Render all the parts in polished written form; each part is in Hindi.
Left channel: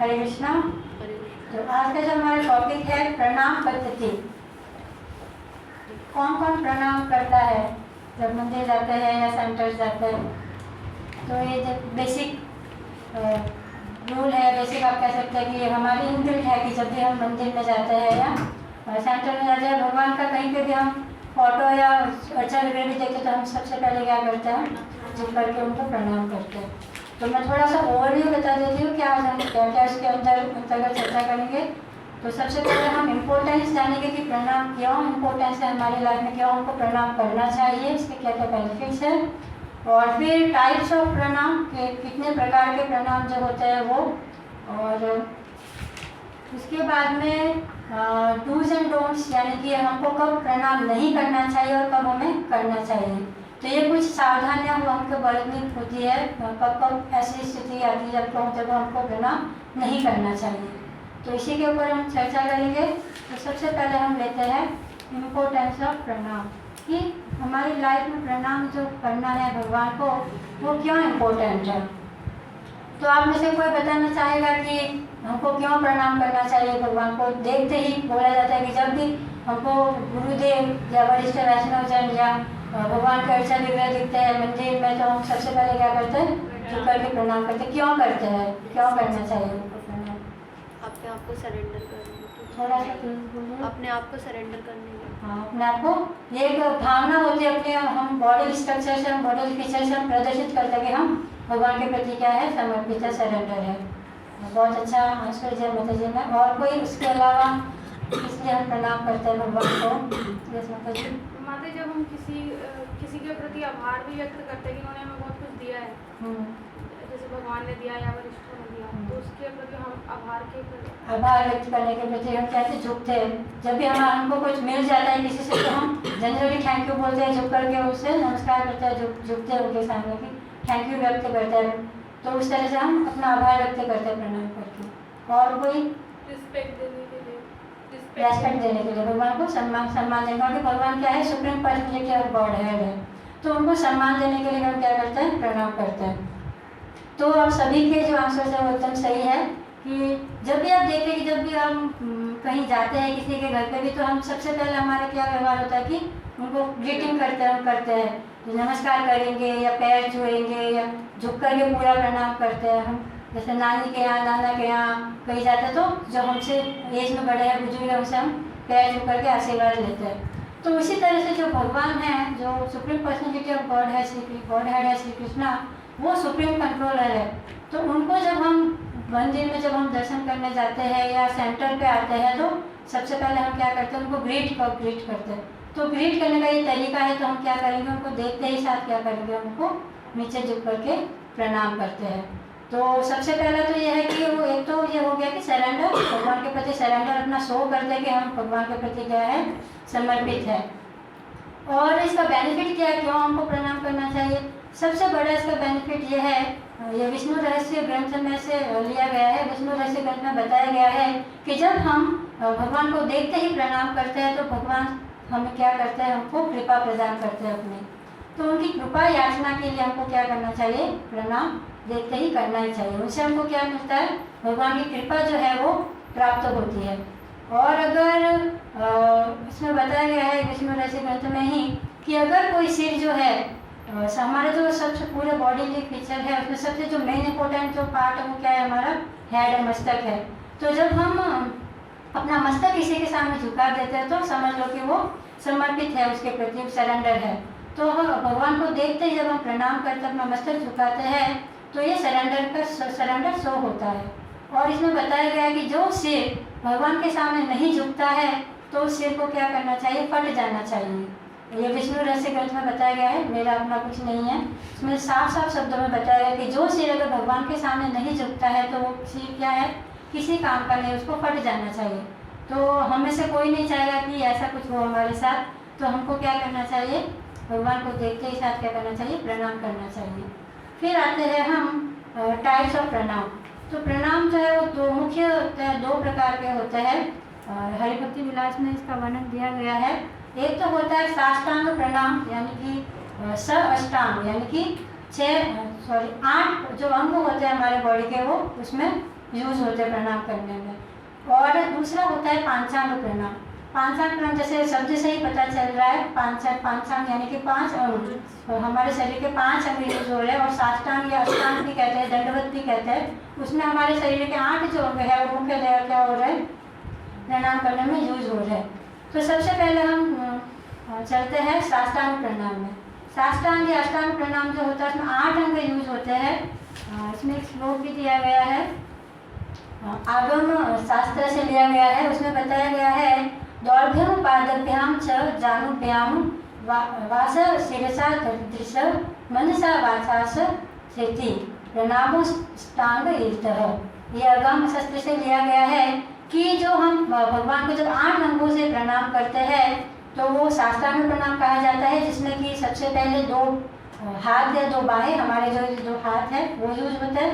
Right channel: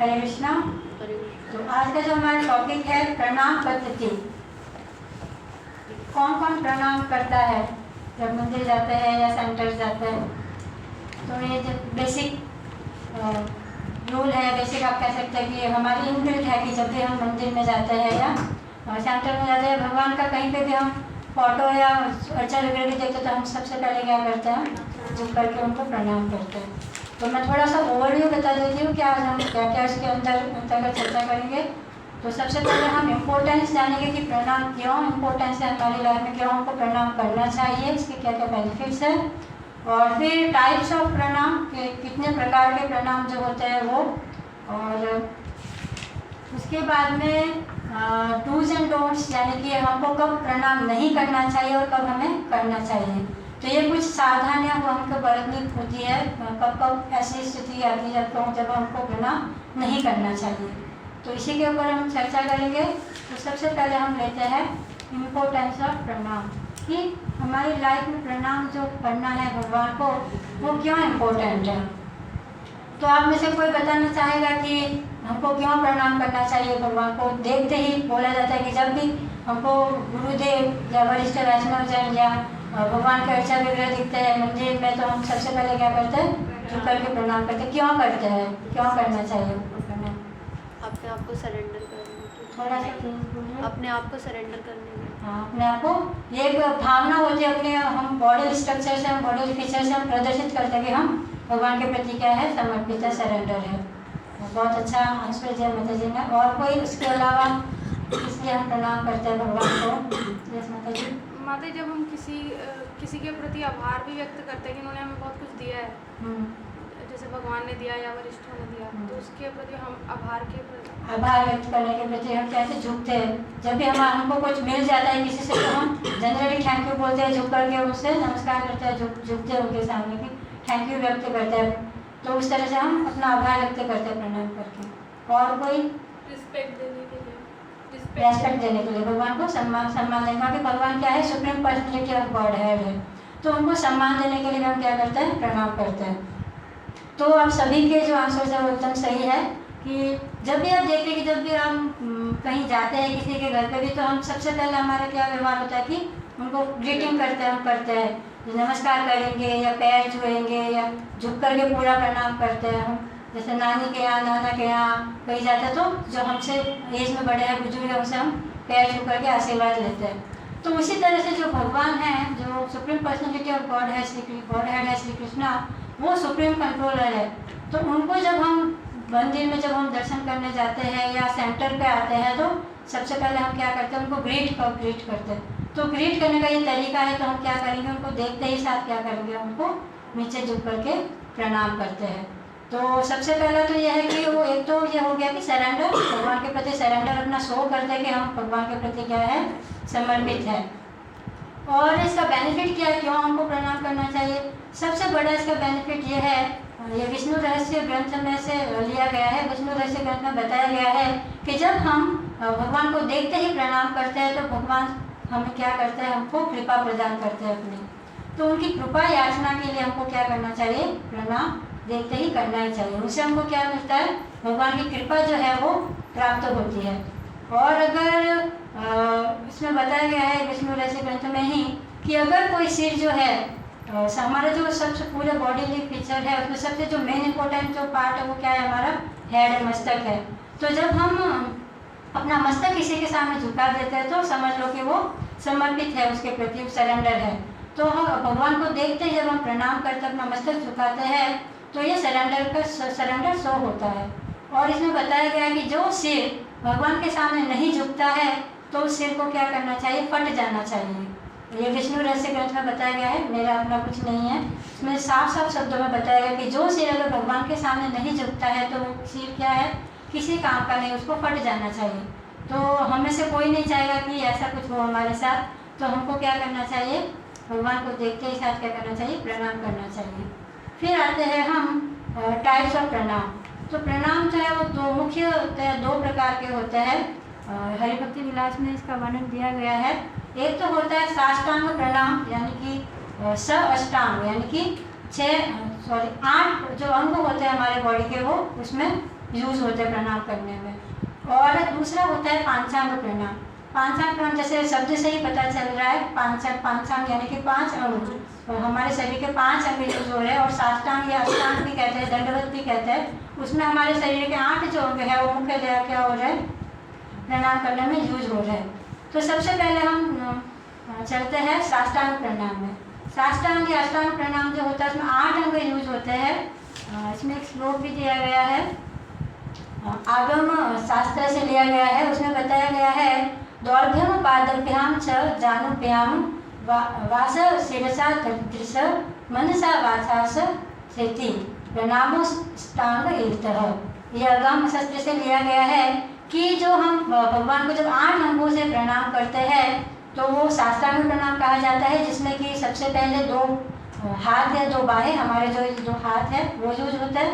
हरे कृष्णा। तो आज का जो हमारा टॉपिक है प्रणाम पद्धति। कौन कौन प्रणाम करता है जब मंदिर जाते हैं या सेंटर जाते हैं? तो ये जो बेसिक रूल है, बेसिक आप कह सकते हैं कि हमारी इनबिल्ट है कि जब भी हम मंदिर में जाते हैं या सेंटर में जाते हैं, भगवान का कहीं पे भी हम फोटो या अर्चन वगैरह भी देखते तो हम सबसे पहले क्या करते हैं, झुक करके उनको प्रणाम करते हैं। तो मैं थोड़ा सा ओवरव्यू बता देती हूँ कि आज हम क्या क्या इसके अंतर्गत चर्चा करेंगे। तो सबसे पहले हम इम्पोर्टेंस जानेंगे कि प्रणाम क्यों इम्पोर्टेंस है हमारी लाइफ में, क्यों हमको प्रणाम करना चाहिए, इसके क्या क्या बेनिफिट्स हैं। और फिर टाइप्स ऑफ प्रणाम के कितने प्रकार के प्रणाम जो होते हैं वो, और उसके बाद में डूज एंड डोंट्स यानी कि हमको कब प्रणाम नहीं करना चाहिए और कब हमें करना चाहिए। तो ये कुछ सावधानियां हमको बरतनी होती है कब कब ऐसी स्थिति आती है जब हमको प्रणाम नहीं करना चाहिए। तो इसी के ऊपर हम चर्चा करेंगे। तो सबसे पहले हम लेते हैं इम्पोर्टेंस ऑफ प्रणाम, कि हमारी लाइफ में प्रणाम जो करना है भगवान को वो क्यों इम्पोर्टेंट है। तो आप में से कोई बताना चाहेगा कि हमको क्यों प्रणाम करना चाहिए भगवान को? देखते ही बोला जाता है कि जब भी हमको गुरुदेव या वरिष्ठ वैष्णवजन या भगवान के अर्चन वगैरह दिखते हैं मंदिर में, तो हम सबसे पहले क्या करते हैं, झुक करके प्रणाम करते हैं। क्यों करते हैं, क्यों करना चाहिए उनको प्रणाम? अपने आप को सरेंडर करने, थोड़ा सा तेज बोलिए। अपने आप को सरेंडर करने। हाँ, अपने आप को, ये एक भावना होती है अपने हम बॉडी स्ट्रक्चर से, हम बॉडी फीचर से हम प्रदर्शित करते हैं कि हम भगवान के प्रति क्या है, समर्पित है, सरेंडर है। बहुत अच्छा आंसर दिया माता जी ने। और कोई इसके अलावा इसलिए हम प्रणाम करते हैं भगवान को? माता जी। माता, जब हम किसी के प्रति आभार भी व्यक्त करते हैं कि उन्होंने हमें बहुत कुछ दिया है, जैसे भगवान ने दिया या वरिष्ठ ने दिया, तो उसके प्रति हम आभार व्यक्त करने के प्रति हम कैसे झुकते हैं। जब भी हमको कुछ मिल जाता है किसी से तो हम जनरली थैंक यू बोलते हैं, झुक करके उससे नमस्कार करते हैं, झुकते हैं उनके सामने कि थैंक यू व्यक्त करते हैं। तो उस तरह से हम अपना आभार व्यक्त करते हैं प्रणाम करके। और कोई रिस्पेक्ट देने के लिए भगवान को सम्मान देने का, भगवान क्या है, सुप्रीम पर्सनैलिटी ऑफ गॉड है, तो उनको सम्मान देने के लिए हम क्या करते हैं, प्रणाम करते हैं। तो अब सभी के जो आंसर है वो एकदम सही है कि जब भी आप देखते हैं कि जब भी हम कहीं जाते हैं किसी के घर पे भी, तो हम सबसे पहले हमारा क्या व्यवहार होता है कि उनको ग्रीटिंग करते हैं, नमस्कार करेंगे या पैर छुएंगे या झुक करके पूरा प्रणाम करते हैं। हम जैसे नानी के यहाँ, नाना के यहाँ कहीं जाते हैं तो जो हमसे एज में बड़े हैं, बुजुर्ग हैं, उनसे हम पैर छू करके आशीर्वाद लेते हैं। तो उसी तरह से जो भगवान है, जो सुप्रीम पर्सनैलिटी ऑफ गॉड है, गॉड हेड है श्री कृष्णा, वो सुप्रीम कंट्रोलर है। तो उनको जब हम मंदिर में जब हम दर्शन करने जाते हैं या सेंटर पे आते हैं, तो सबसे पहले हम क्या करते हैं, उनको ग्रीट करते हैं। तो ग्रीट करने का ये तरीका है, तो हम क्या करेंगे, उनको देखते ही साथ क्या करेंगे, उनको नीचे झुक करके प्रणाम करते हैं। तो सबसे पहला तो ये है कि वो एक तो ये हो गया कि सरेंडर, भगवान के प्रति सरेंडर अपना शो करते हैं कि हम भगवान के प्रति क्या है, समर्पित है। और इसका बेनिफिट क्या है, क्यों हमको प्रणाम करना चाहिए? सबसे बड़ा इसका बेनिफिट ये है, ये विष्णु रहस्य ग्रंथ में से लिया गया है। विष्णु रहस्य ग्रंथ में बताया गया है कि जब हम भगवान को देखते ही प्रणाम करते हैं तो भगवान हमें क्या करते हैं, हमको कृपा प्रदान करते हैं अपनी। तो उनकी कृपा याचना के लिए हमको क्या करना चाहिए, प्रणाम देखते ही करना ही चाहिए। उससे हमको क्या मिलता है, भगवान की कृपा जो है वो प्राप्त होती है। और अगर इसमें बताया गया है विष्णु रहस्य ग्रंथ में ही कि अगर कोई सिर जो है, हमारा जो सबसे पूरे बॉडी फीचर है उसमें सबसे जो मेन इंपॉर्टेंट जो पार्ट है वो क्या है, हमारा हेड है, मस्तक है। तो जब हम अपना मस्तक किसी के सामने झुका देते हैं तो समझ लो कि वो समर्पित है, उसके प्रति सरेंडर है। तो भगवान को देखते ही जब हम प्रणाम करते हैं, अपना मस्तक झुकाते हैं, तो ये सरेंडर शो होता है। और इसमें बताया गया है कि जो सिर भगवान के सामने नहीं झुकता है तो उस सिर को क्या करना चाहिए, फट जाना चाहिए। ये विष्णु रहस्य ग्रंथ में बताया गया है, मेरा अपना कुछ नहीं है। इसमें साफ साफ शब्दों में बताया गया कि जो सिर अगर भगवान के सामने नहीं झुकता है तो वो सिर क्या है, किसी काम का नहीं, उसको फट जाना चाहिए। तो हमें से कोई नहीं चाहेगा कि ऐसा कुछ हो हमारे साथ। तो हमको क्या करना चाहिए, भगवान को देखते ही साथ क्या करना चाहिए, प्रणाम करना चाहिए। फिर आते हैं हम टाइप्स ऑफ प्रणाम। तो प्रणाम जो है वो दो प्रकार के होते हैं। हरिभक्ति विलास में इसका वर्णन दिया गया है। एक तो होता है साष्टांग प्रणाम, यानी कि स अष्टांग, यानी कि 8 जो अंग होते हैं हमारे बॉडी के, वो उसमें यूज होते हैं प्रणाम करने में। और दूसरा होता है पांचांग प्रणाम। पांचांग प्रणाम जैसे शब्द से ही पता चल रहा है, पांचांग यानी कि 5 अंग, और हमारे शरीर के 5 अंग यूज हो रहे हैं। और साष्टांग या अष्टांग भी कहते हैं, दंडवत भी कहते हैं, उसमें हमारे शरीर के 8 जो अंग है वो मुख्यतः क्या हो रहे हैं, प्रणाम करने में यूज हो रहे हैं। तो सबसे पहले हम चलते हैं साष्टांग प्रणाम में। साष्टांग या अष्टांग प्रणाम जो होता है उसमें 8 अंग यूज होते हैं। इसमें एक श्लोक भी दिया गया है, आगम शास्त्र से लिया गया है। उसमें बताया गया है, दौर्भ्यम पादभ्याम च जानुभ्याम वास शिरसा दृश मनसा वाचास स्थिति प्रणामोष्टांग ईर्तः। यह आगम शास्त्र से लिया गया है कि जो हम भगवान को जब 8 अंगों से प्रणाम करते हैं तो वो साष्टांग प्रणाम कहा जाता है, जिसमें कि सबसे पहले 2 हाथ है, 2 बाहें, हमारे जो 2 हाथ है वो यूज होता है।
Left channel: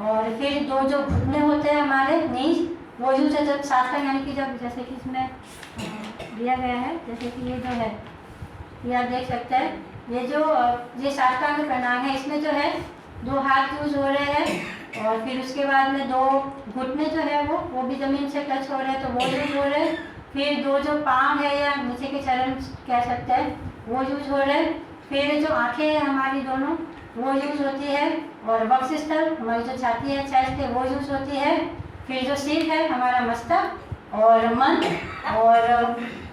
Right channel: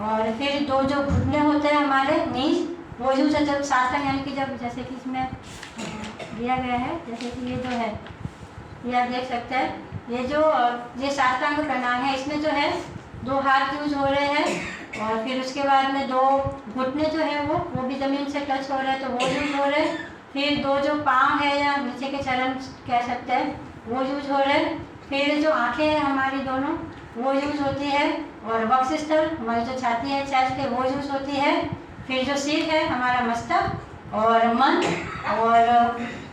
और फिर 2 जो घुटने होते हैं हमारे नीज, वो यूज है जब साष्टांग, यानी कि जब जैसे कि इसमें दिया गया है, जैसे कि ये जो है, ये आप देख सकते हैं, ये साष्टांग प्रणाम है। इसमें जो है 2 हाथ यूज हो रहे हैं, और फिर उसके बाद में 2 घुटने जो है वो भी जमीन से टच हो रहे हैं, तो वो यूज हो रहे हैं। फिर 2 जो पाँव है या नीचे के चरण कह सकते हैं, वो यूज हो रहे हैं। फिर जो आंखें हैं हमारी दोनों, वो यूज होती है। और वक्षस्थल, हमारी जो छाती है, चेस्ट है, वो यूज होती है। फिर जो सिर है हमारा मस्तक, और मन, और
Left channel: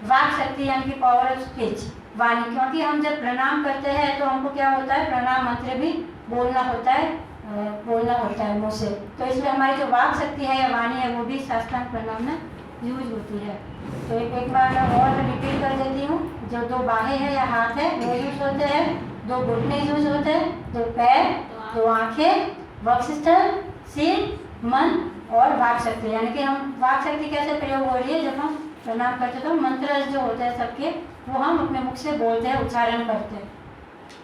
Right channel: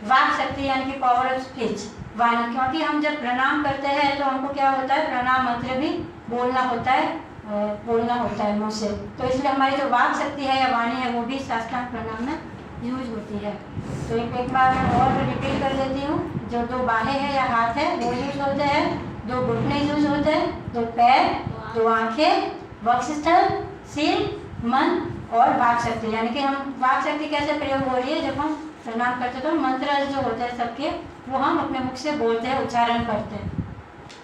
वाक शक्ति यानी कि पावर ऑफ स्पीच, वाणी। क्योंकि हम जब प्रणाम करते हैं तो हमको क्या होता है, प्रणाम मंत्र भी बोलना होता है मुँह से। तो इसलिए हमारी जो वाक शक्ति है या वाणी है वो भी साष्टांग प्रणाम में यूज होती है। तो एक बार मैं और रिपीट कर देती हूँ। जो 2 बाहें हैं या हाथ है वो यूज होते हैं, 2 घुटने यूज होते हैं, 2 पैर, 2 आँखें, वक्षस्थल, सिर, मन और वाक शक्ति। यानी कि हम वाक शक्ति कैसे प्रयोग हो रही है, जब हम प्रणाम करते हैं तो मंत्र जो होते हैं सबके, वो हम अपने मुख से बोलते हैं, उच्चारण करते हैं,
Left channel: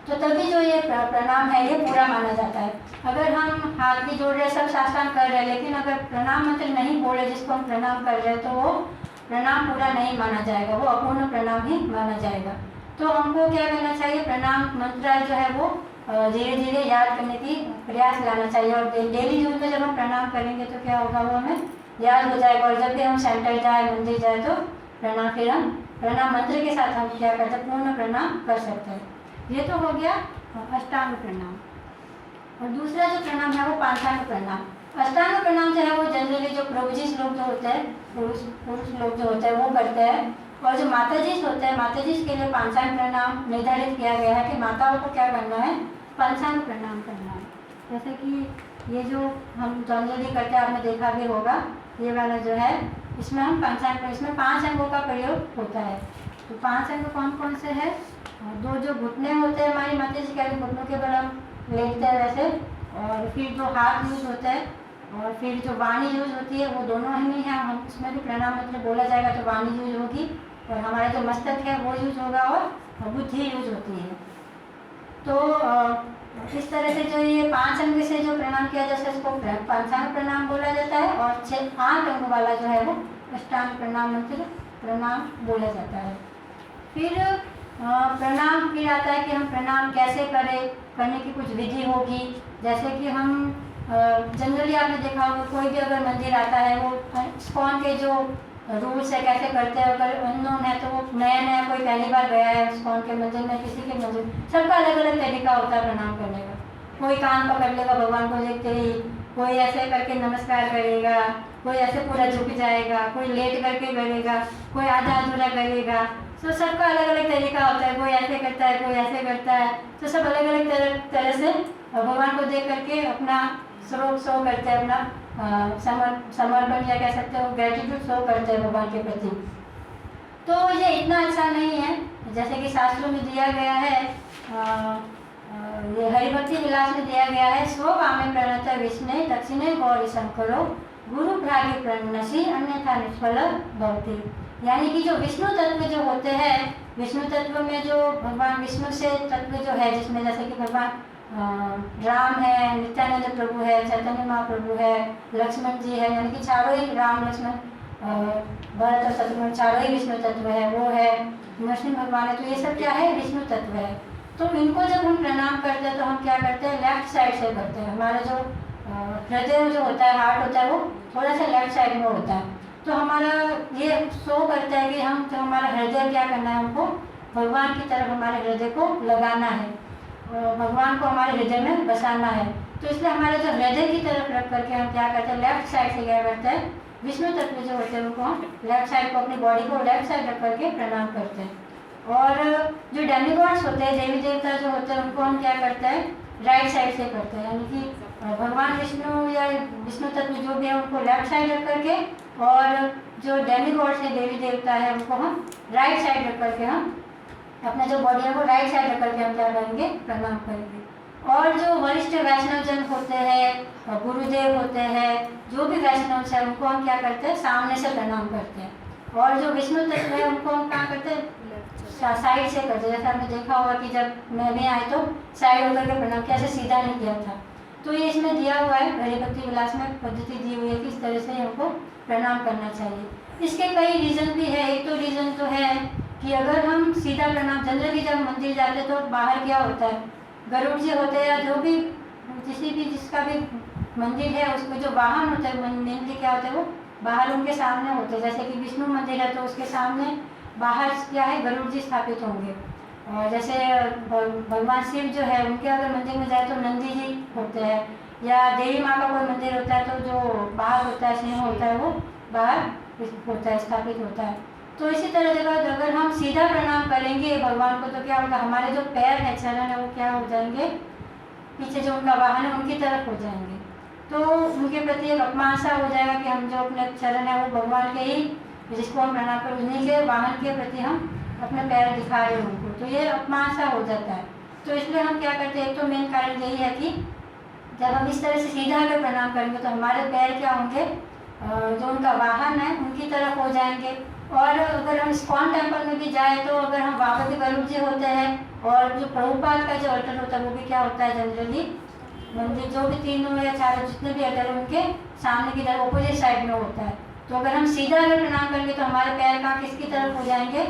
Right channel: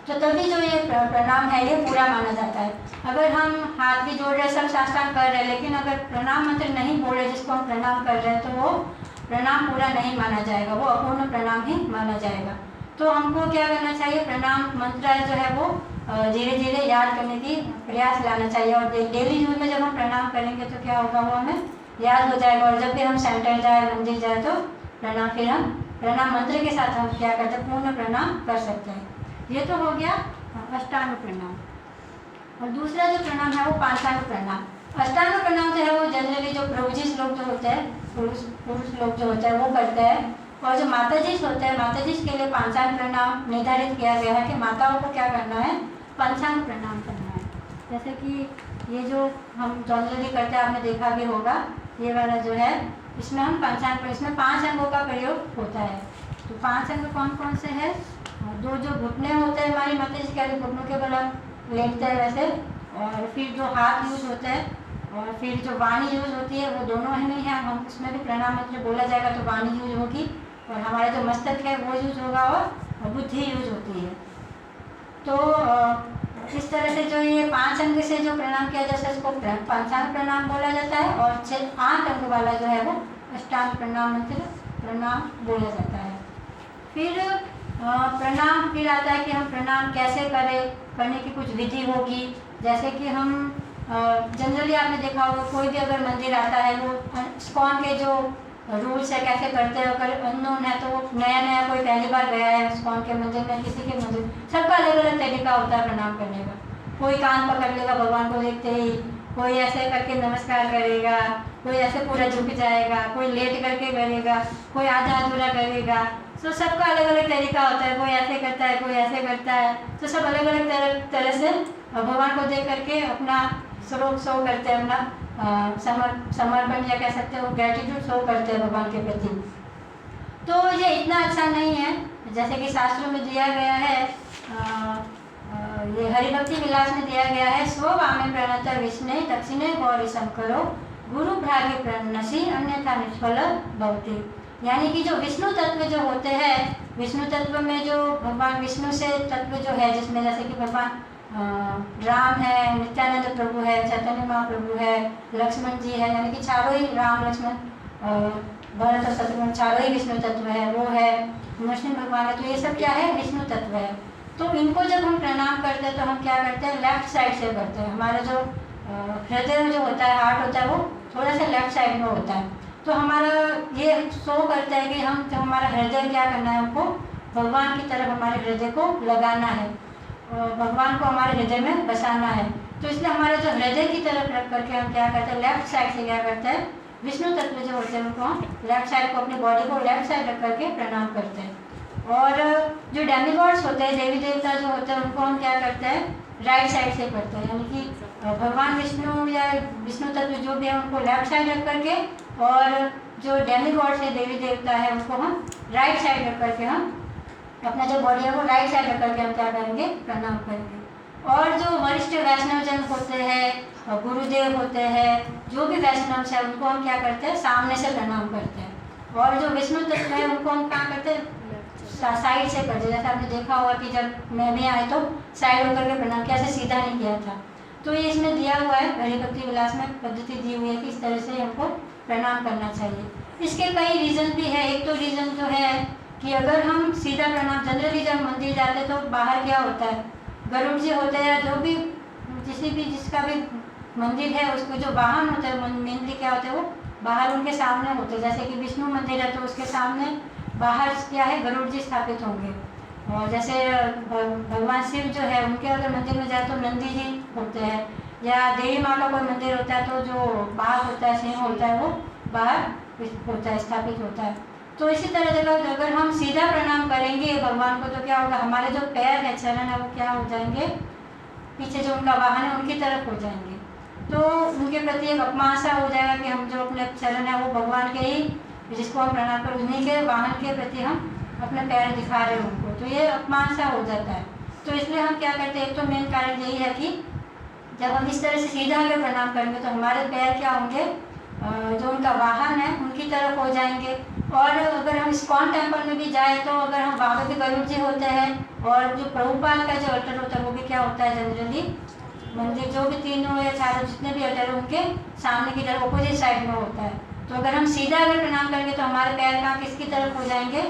तो तभी जो ये प्रणाम है ये पूरा माना जाता है। अगर हम हाथ भी जोड़ रहे, सब साष्टांग कर रहे हैं, लेकिन अगर प्रणाम मंत्र नहीं बोल रहे जिसको हम प्रणाम कर रहे हैं, तो वो प्रणाम पूरा नहीं माना जाएगा, वो अपूर्ण प्रणाम ही माना जाएगा। तो हमको क्या करना चाहिए, प्रणाम मंत्र जो है वो धीरे धीरे याद करने की प्रयास लाना चाहिए। और डेली यूज में जब हम प्रणाम करेंगे तो क्या होगा, वो हमें याद हो जाएगा। और जब भी हम सेंटर जाए, मंदिर जाए, तो प्रणाम, फिर हम प्रणाम मंत्र के साथ हम क्या करते हैं, पूर्ण प्रणाम कर सकते हैं। ये तो हो गया अष्टांग प्रणाम। और दूसरा जो प्रणाम है वो पांचांग प्रणाम। अष्टांग प्रणाम जो है वो जनरली जो प्रभुजीस लोग जो होते हैं, पुरुष लोग जो होते हैं वो करते हैं। और जो माताजीस होते हैं, माताजीस के लिए पांचांग प्रणाम निर्धारित किया गया है कि माताओं को क्या करना है, पंचांग प्रणाम करना है। जैसे कि ये जो हम जनरली करते हैं, आपने देखा भी होगा, ये वाला जो है, इसमें हम पंचांग, इसमें 5 अंगों का प्रयोग होता है। तो 5 अंग कौन कौन से हैं, 2 जो घुटने होते हैं हमारी माता जी के, घुटनों के बल हम लेटते हैं वैसे। और फिर 2 हाथ यूज होते हैं, और फिर जो वाणी यूज होती है वो दोनों ही है। हम इसमें भी प्रणाम मंत्र बोला जाएगा तो वाणी यूज होगी, और हमारा जो मस्तक है वो यूज होगा, और बुद्धि यूज होती है। तो इस तरह से जो ये 5 अंग से जो प्रणाम किया जाता है इसको पंचांग प्रणाम बोला जाता है। और 8 अंग वाला जो है वो अष्टांग प्रणाम मंत्र प्रणाम बोला जाता है। फिर प्रणाम फिर आता है कि हम प्रणाम कैसे करें, करने की कुछ विधि होगी। जैसे कि हम जनरली आपने देखा होगा, कोई भी अगर मंदिर आता है, वो इस्कॉन के जो रूल्स है कैसे करते हैं, अगर अननोन है तो वो नया कोई पहली बार गया है इस्कॉन के मंदिर में, किसी के मंदिर, सबका अलग अलग तरीका होता है प्रणाम करने का। कोई कान पकड़ लेगा भगवान को देखते ही, कोई ऐसे करके नमस्कार करेगा, कोई ऐसे पूरा झुक जाएगा, कोई लेट करके करेगा, कोई आधा अधूरा करेगा। तो सबका अलग अलग तरीका होता है, कोई ऐसे करता है, कोई ऐसे करता है। तो सब अलग अलग तरह से भगवान को देख करके अपना स्वरूप शो करते हैं, अपना समर्पण या कह सकते हो ग्रेटिट्यूड शो करते हैं भगवान के प्रति। तो ये इतना अच्छा नहीं है, जैसे कि शास्त्रों में दिया गया है, ये हरिभक्ति विलास में दिया गया है, स्व वामे प्रणत विष्णु दक्षिणे गौरी शंकरो गुरु भ्रागे प्रणसी अन्यथा निष्फल भवति। यानी कि जो विष्णु तत्व जो होते हैं, विष्णु तत्व में जो भगवान विष्णु से तत्व जो है, जिसमें जैसे कि भगवान राम है, नित्यानंद प्रभु है, चैतन्य महाप्रभु है, लक्ष्मण जी है, यानी कि चारों ही राम लक्ष्मण भरत शत्रुघ्न चारों ही विष्णु तत्व है, वो है, नरसिंह भगवान है। तो ये सब क्या है, विष्णु तत्व है। तो इनको जब हम प्रणाम करते हैं तो हम क्या करते हैं, लेफ्ट साइड से करते हैं। हमारे जो हृदय जो होता है, हार्ट होता है, वो थोड़ा सा लेफ्ट साइड में होता है। तो हमारा ये शो करता है कि हम जो हमारा हृदय क्या करना है, हमको भगवान की तरफ हमारे हृदय को लगाना है और भगवान को हमारे हृदय में बसाना है। तो इसलिए हमारा जो हृदय की तरफ रख करके हम क्या करते हैं, लेफ्ट साइड से क्या करते हैं, विष्णु तत्व जो होते हैं उनको हम लेफ्ट साइड को, अपनी बॉडी को लेफ्ट साइड रख करके प्रणाम करते हैं। और जो डेमीगॉड्स होते हैं, देवी देवता जो होते हैं, उनको हम क्या करते हैं, राइट साइड से करते हैं। यानी कि भगवान विष्णु या विष्णु तत्व जो भी है उनको लेफ्ट साइड रख करके, और जो डेमीगॉड्स है, देवी देवता है, उनको हम राइट साइड रख करके हम अपना जो बॉडी है वो राइट साइड रख करके हम क्या करेंगे, प्रणाम करेंगे। और जो वरिष्ठ वैष्णव जन होते हैं, गुरुदेव होते हैं, जो भी वैष्णव है, उनको हम क्या करते हैं, सामने से प्रणाम करते हैं। और जो विष्णु तत्व है उनको हम क्या करते हैं, साइड से करते हैं। जैसे आपने देखा होगा कि जब मैं भी आए तो साइड होकर के प्रणाम किया, ऐसे सीधा नहीं किया था। तो ये इसमें दिया हुआ है, हरि भक्ति विलास में पद्धति दी हुई है कि इस तरह से हमको प्रणाम करना चाहिए। इसके कई रीज़न भी है। एक तो रीज़न तो है कि अगर हम सीधा प्रणाम, जनरली जब मंदिर जाते हैं तो बाहर क्या होता है, गरुड़ जी होते हैं या जो भी जिसका भी मंदिर है, उसको जो वाहन होते हैं मेनली क्या होते हैं, वो बाहर उनके सामने होते हैं। जैसे कि विष्णु मंदिर है तो उसके सामने बाहर क्या है, गरुड़ जी स्थापित होंगे। और जैसे भगवान शिव जो है उनके अगर मंदिर में जाए तो नंदी जी होते हैं, या देवी माँ का कोई मंदिर होता है तो जो बाहर होता है, सिंह होता है, वो बाहर होता है, स्थापित होता है। तो इसी तरह जगह अगर हम सीधा प्रणाम करेंगे भगवान को तो क्या होगा, हमारे जो पैर है, चरण है, वो क्या हो जाएंगे, पीछे जो उनका वाहन है उनकी तरफ हो जाएंगे। तो उनके प्रति एक अपमान सा हो जाएगा कि हम जो अपने चरण है वो भगवान के ही, जिसको हम प्रणाम कर, उन्हीं के वाहन के प्रति हम अपने पैर दिखा रहे हैं उनको, तो ये अपमान सा हो जाता है। तो इसलिए हम क्या करते हैं, एक तो मेन कारण यही है कि जब हम इस तरह से सीधा अगर प्रणाम करेंगे तो हमारे पैर क्या होंगे, जो उनका वाहन है उनकी तरफ हो जाएंगे। और अगर हम इस्कॉन टेम्पल में भी जाएँ तो अगर हम वहाँ पर भी गरुड़ जी होते हैं, और जो प्रभुपाद का जो अल्टर होता है वो भी क्या होता है, जनरली मंदिर जो भी तीनों या चारों जितने भी अल्टर है उनके सामने की तरफ अपोजिट साइड में होता है। तो अगर हम सीधा अगर प्रणाम करेंगे तो हमारे पैर कहाँ, किसकी तरफ हो जाएंगे,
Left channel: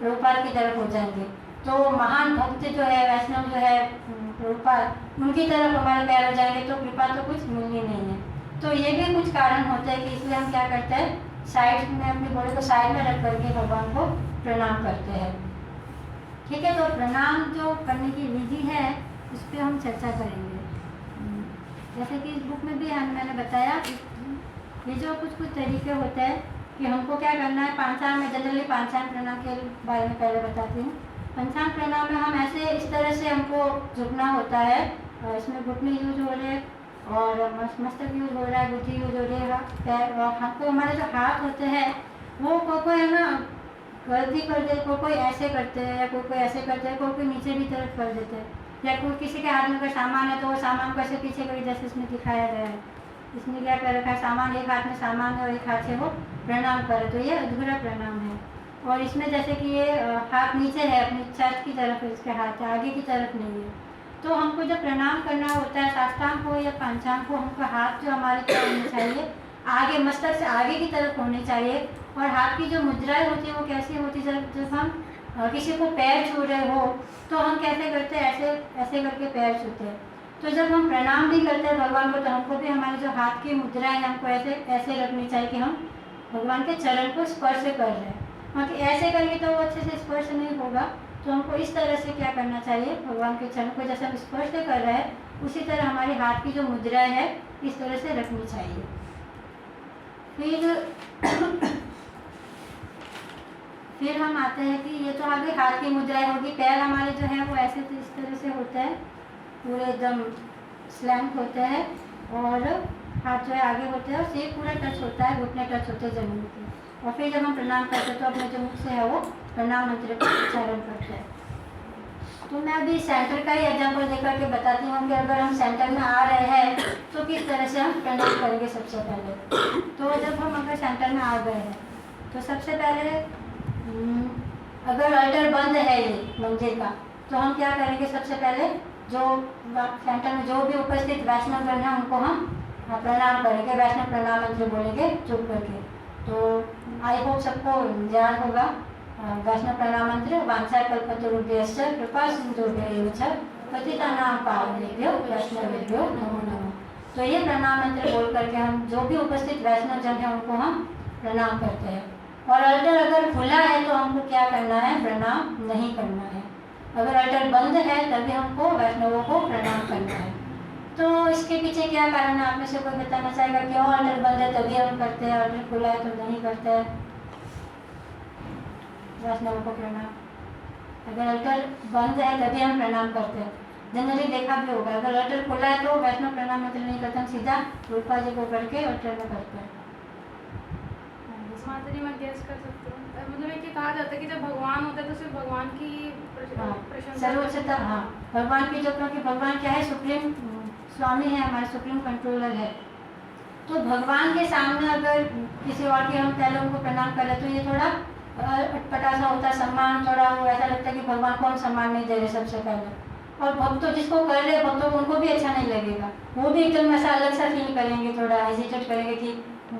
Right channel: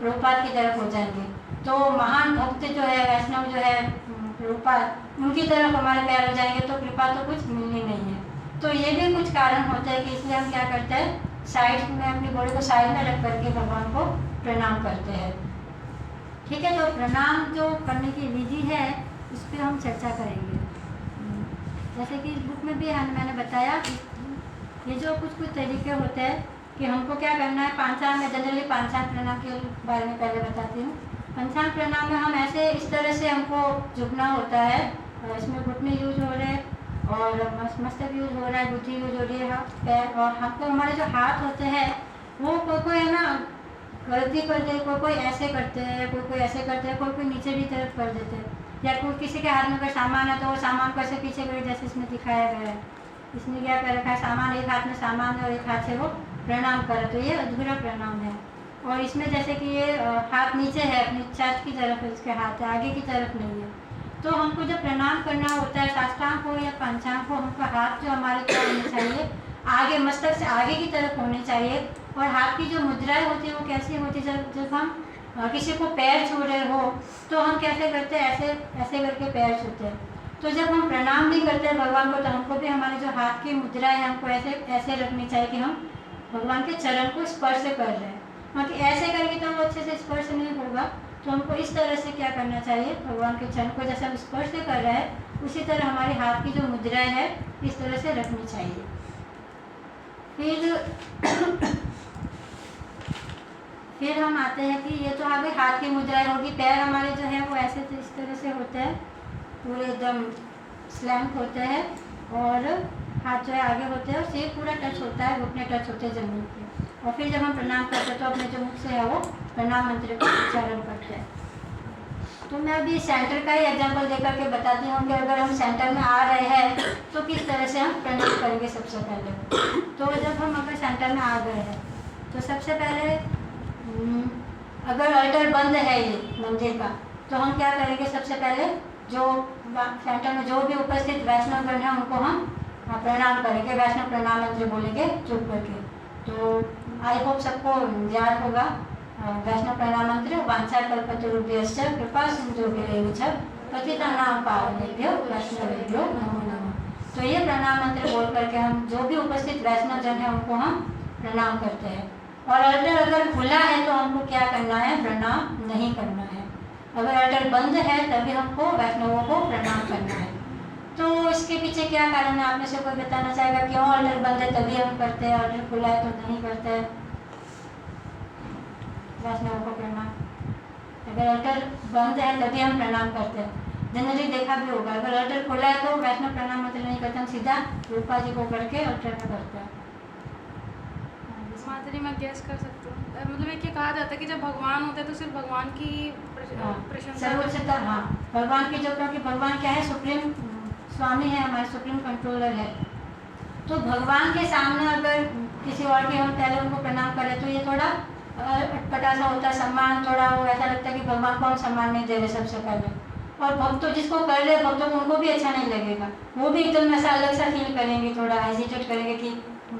प्रभुपाद की तरफ हो जाएंगे। तो महान भक्त जो है, वैष्णव जो है प्रभुपाद, उनकी तरफ हमारे पैर हो जाएंगे, तो कृपा तो कुछ मिलनी नहीं है। तो ये भी कुछ कारण होते हैं कि इसलिए हम क्या करते हैं, साइड में अपनी बॉडी को साइड में रख करके भगवान को प्रणाम करते हैं। ठीक है, तो प्रणाम जो करने की विधि है उस पर हम चर्चा करेंगे। जैसे कि इस बुक में भी मैंने बताया, ये जो कुछ तरीके होते हैं कि हमको क्या करना है। पंचांग में जनरली पंचांग प्रणाम के बारे में पहले बताती हूँ। पंचांग प्रणाम में हम ऐसे इस तरह से हमको झुकना होता है, इसमें घुटने यूज हो रहे हैं और मस्तक यूज हो रहा है, गुठी यूज हो रही है, पैर, और हमको हमारे जो हाथ होते हैं वो कोई है ना गलती कर दे, कोई ऐसे करते हैं, कोई ऐसे करते हैं, कोई नीचे भी तरफ कर देते हैं, या कोई किसी के हाथ में अगर सामान है तो वो सामान को ऐसे पीछे कर, जैसे इसमें दिखाया गया है। इसने क्या कर रखा है, सामान एक हाथ में सामान है और एक हाथ से वो प्रणाम करे, तो ये अधूरा प्रणाम है। और इसमें जैसे कि ये हाथ नीचे है, अपनी चेस्ट की तरफ है, इसके हाथ है, आगे की तरफ नहीं है। तो हमको जब प्रणाम करना होता है, साष्टांग हो या पंचांग हो, हमको हाथ जो हमारे क्या होने चाहिए, आगे मस्तक से आगे की तरफ होने चाहिए। और हाथ की जो मुद्राएं होती है वो कैसी होती है, जब हम किसी को पैर छू रहे हो तो हम कैसे करते हैं, ऐसे ऐसे करके पैर छूते हैं। तो जब हम प्रणाम भी करते हैं भगवान को तो हमको भी हमारे जो हाथ की मुद्रा है हमको ऐसे ऐसे रखनी चाहिए कि हम भगवान के चरण को स्पर्श कर रहे हैं। क्योंकि ऐसे करेंगे तो वो अच्छे से स्पर्श नहीं होगा, तो हमको इस तरह से क्या करना चाहिए, भगवान के चरण को जैसे हम स्पर्श कर रहे हैं उसी तरह हमारी हाथ की जो मुद्राएं है इस तरह से रखनी चाहिए। फिर हम आते हैं कि ये तो आ गई हाथ की मुद्राएं होगी। पैर हमारे जो है वो ऐसे तो इस तरह से होते हैं, पूरे एकदम स्लैंट होते हैं, और हाथ जो है आगे होते हैं और सिर पूरा टच होता है, घुटने टच होते हैं जमीन के। और फिर जब हम प्रणाम करते हैं तो अपने जो मुख से है वो प्रणाम मंत्र का उच्चारण करते हैं। तो मैं अभी सेंटर का ही एग्जाम्पल देकर के बताती हूँ कि अगर हम सेंटर में आ रहे हैं तो किस तरह से हम प्रणाम करेंगे। सबसे पहले तो जब हम अगर सेंटर में आ गए हैं तो सबसे पहले अगर अल्टर बंद है ये मंदिर का तो हम क्या करेंगे, सबसे पहले जो सेंटर में जो भी उपस्थित वैष्णवगण हैं उनको हम प्रणाम करेंगे, वैष्णव प्रणाम मंत्र बोलेंगे चुप करके। तो आई होप सबको याद होगा। वैष्णव प्रणाम मंत्र वांछा कल्पतरुभ्यश्च कृपा सिंधुभ्यैव च पतितानां पावनेभ्यो वैष्णवेभ्यो नमो नमः। तो ये प्रणाम मंत्र बोल करके हम जो भी उपस्थित वैष्णव जन है उनको हम प्रणाम करते हैं। और अल्टर अगर खुला है तो हमको क्या करना है, प्रणाम नहीं करना है। अगर अल्टर बंद है तभी हमको वैष्णवों को प्रणाम करना है। तो इसके पीछे क्या कारण है, आप में से कोई बताना चाहेगा क्यों अल्टर बंद है तभी हम करते हैं, अल्टर खुला है तो नहीं करते हैं वैष्णवों को प्रणाम। अगर अल्टर बंद है तभी हम प्रणाम करते हैं। जनरली देखा भी होगा, अगर अल्टर खुला है तो वैष्णव प्रणाम मंत्र नहीं करते, हम सीधा रूपा जी को करके अल्टर में करते हैं। माता जी मैं गेस कर सकती हूँ, मतलब एक ये कहा जाता है कि जब भगवान होते हैं तो सिर्फ भगवान की प्रशंसा। सर्वोच्चता, हाँ, भगवान की जो, क्योंकि भगवान क्या है, सुप्रीम स्वामी है, हमारे सुप्रीम कंट्रोलर है। तो भगवान के सामने अगर किसी और के हम पहले उनको प्रणाम करें तो ये थोड़ा अटपटा सा होता है, सम्मान थोड़ा वो ऐसा लगता है कि भगवान को हम सम्मान नहीं दे रहे सबसे पहले। और भक्तों जिसको कर रहे भक्तों को उनको भी अच्छा नहीं लगेगा, वो भी एकदम ऐसा अलग सा फील करेंगे, थोड़ा हेजिटेट करेंगे कि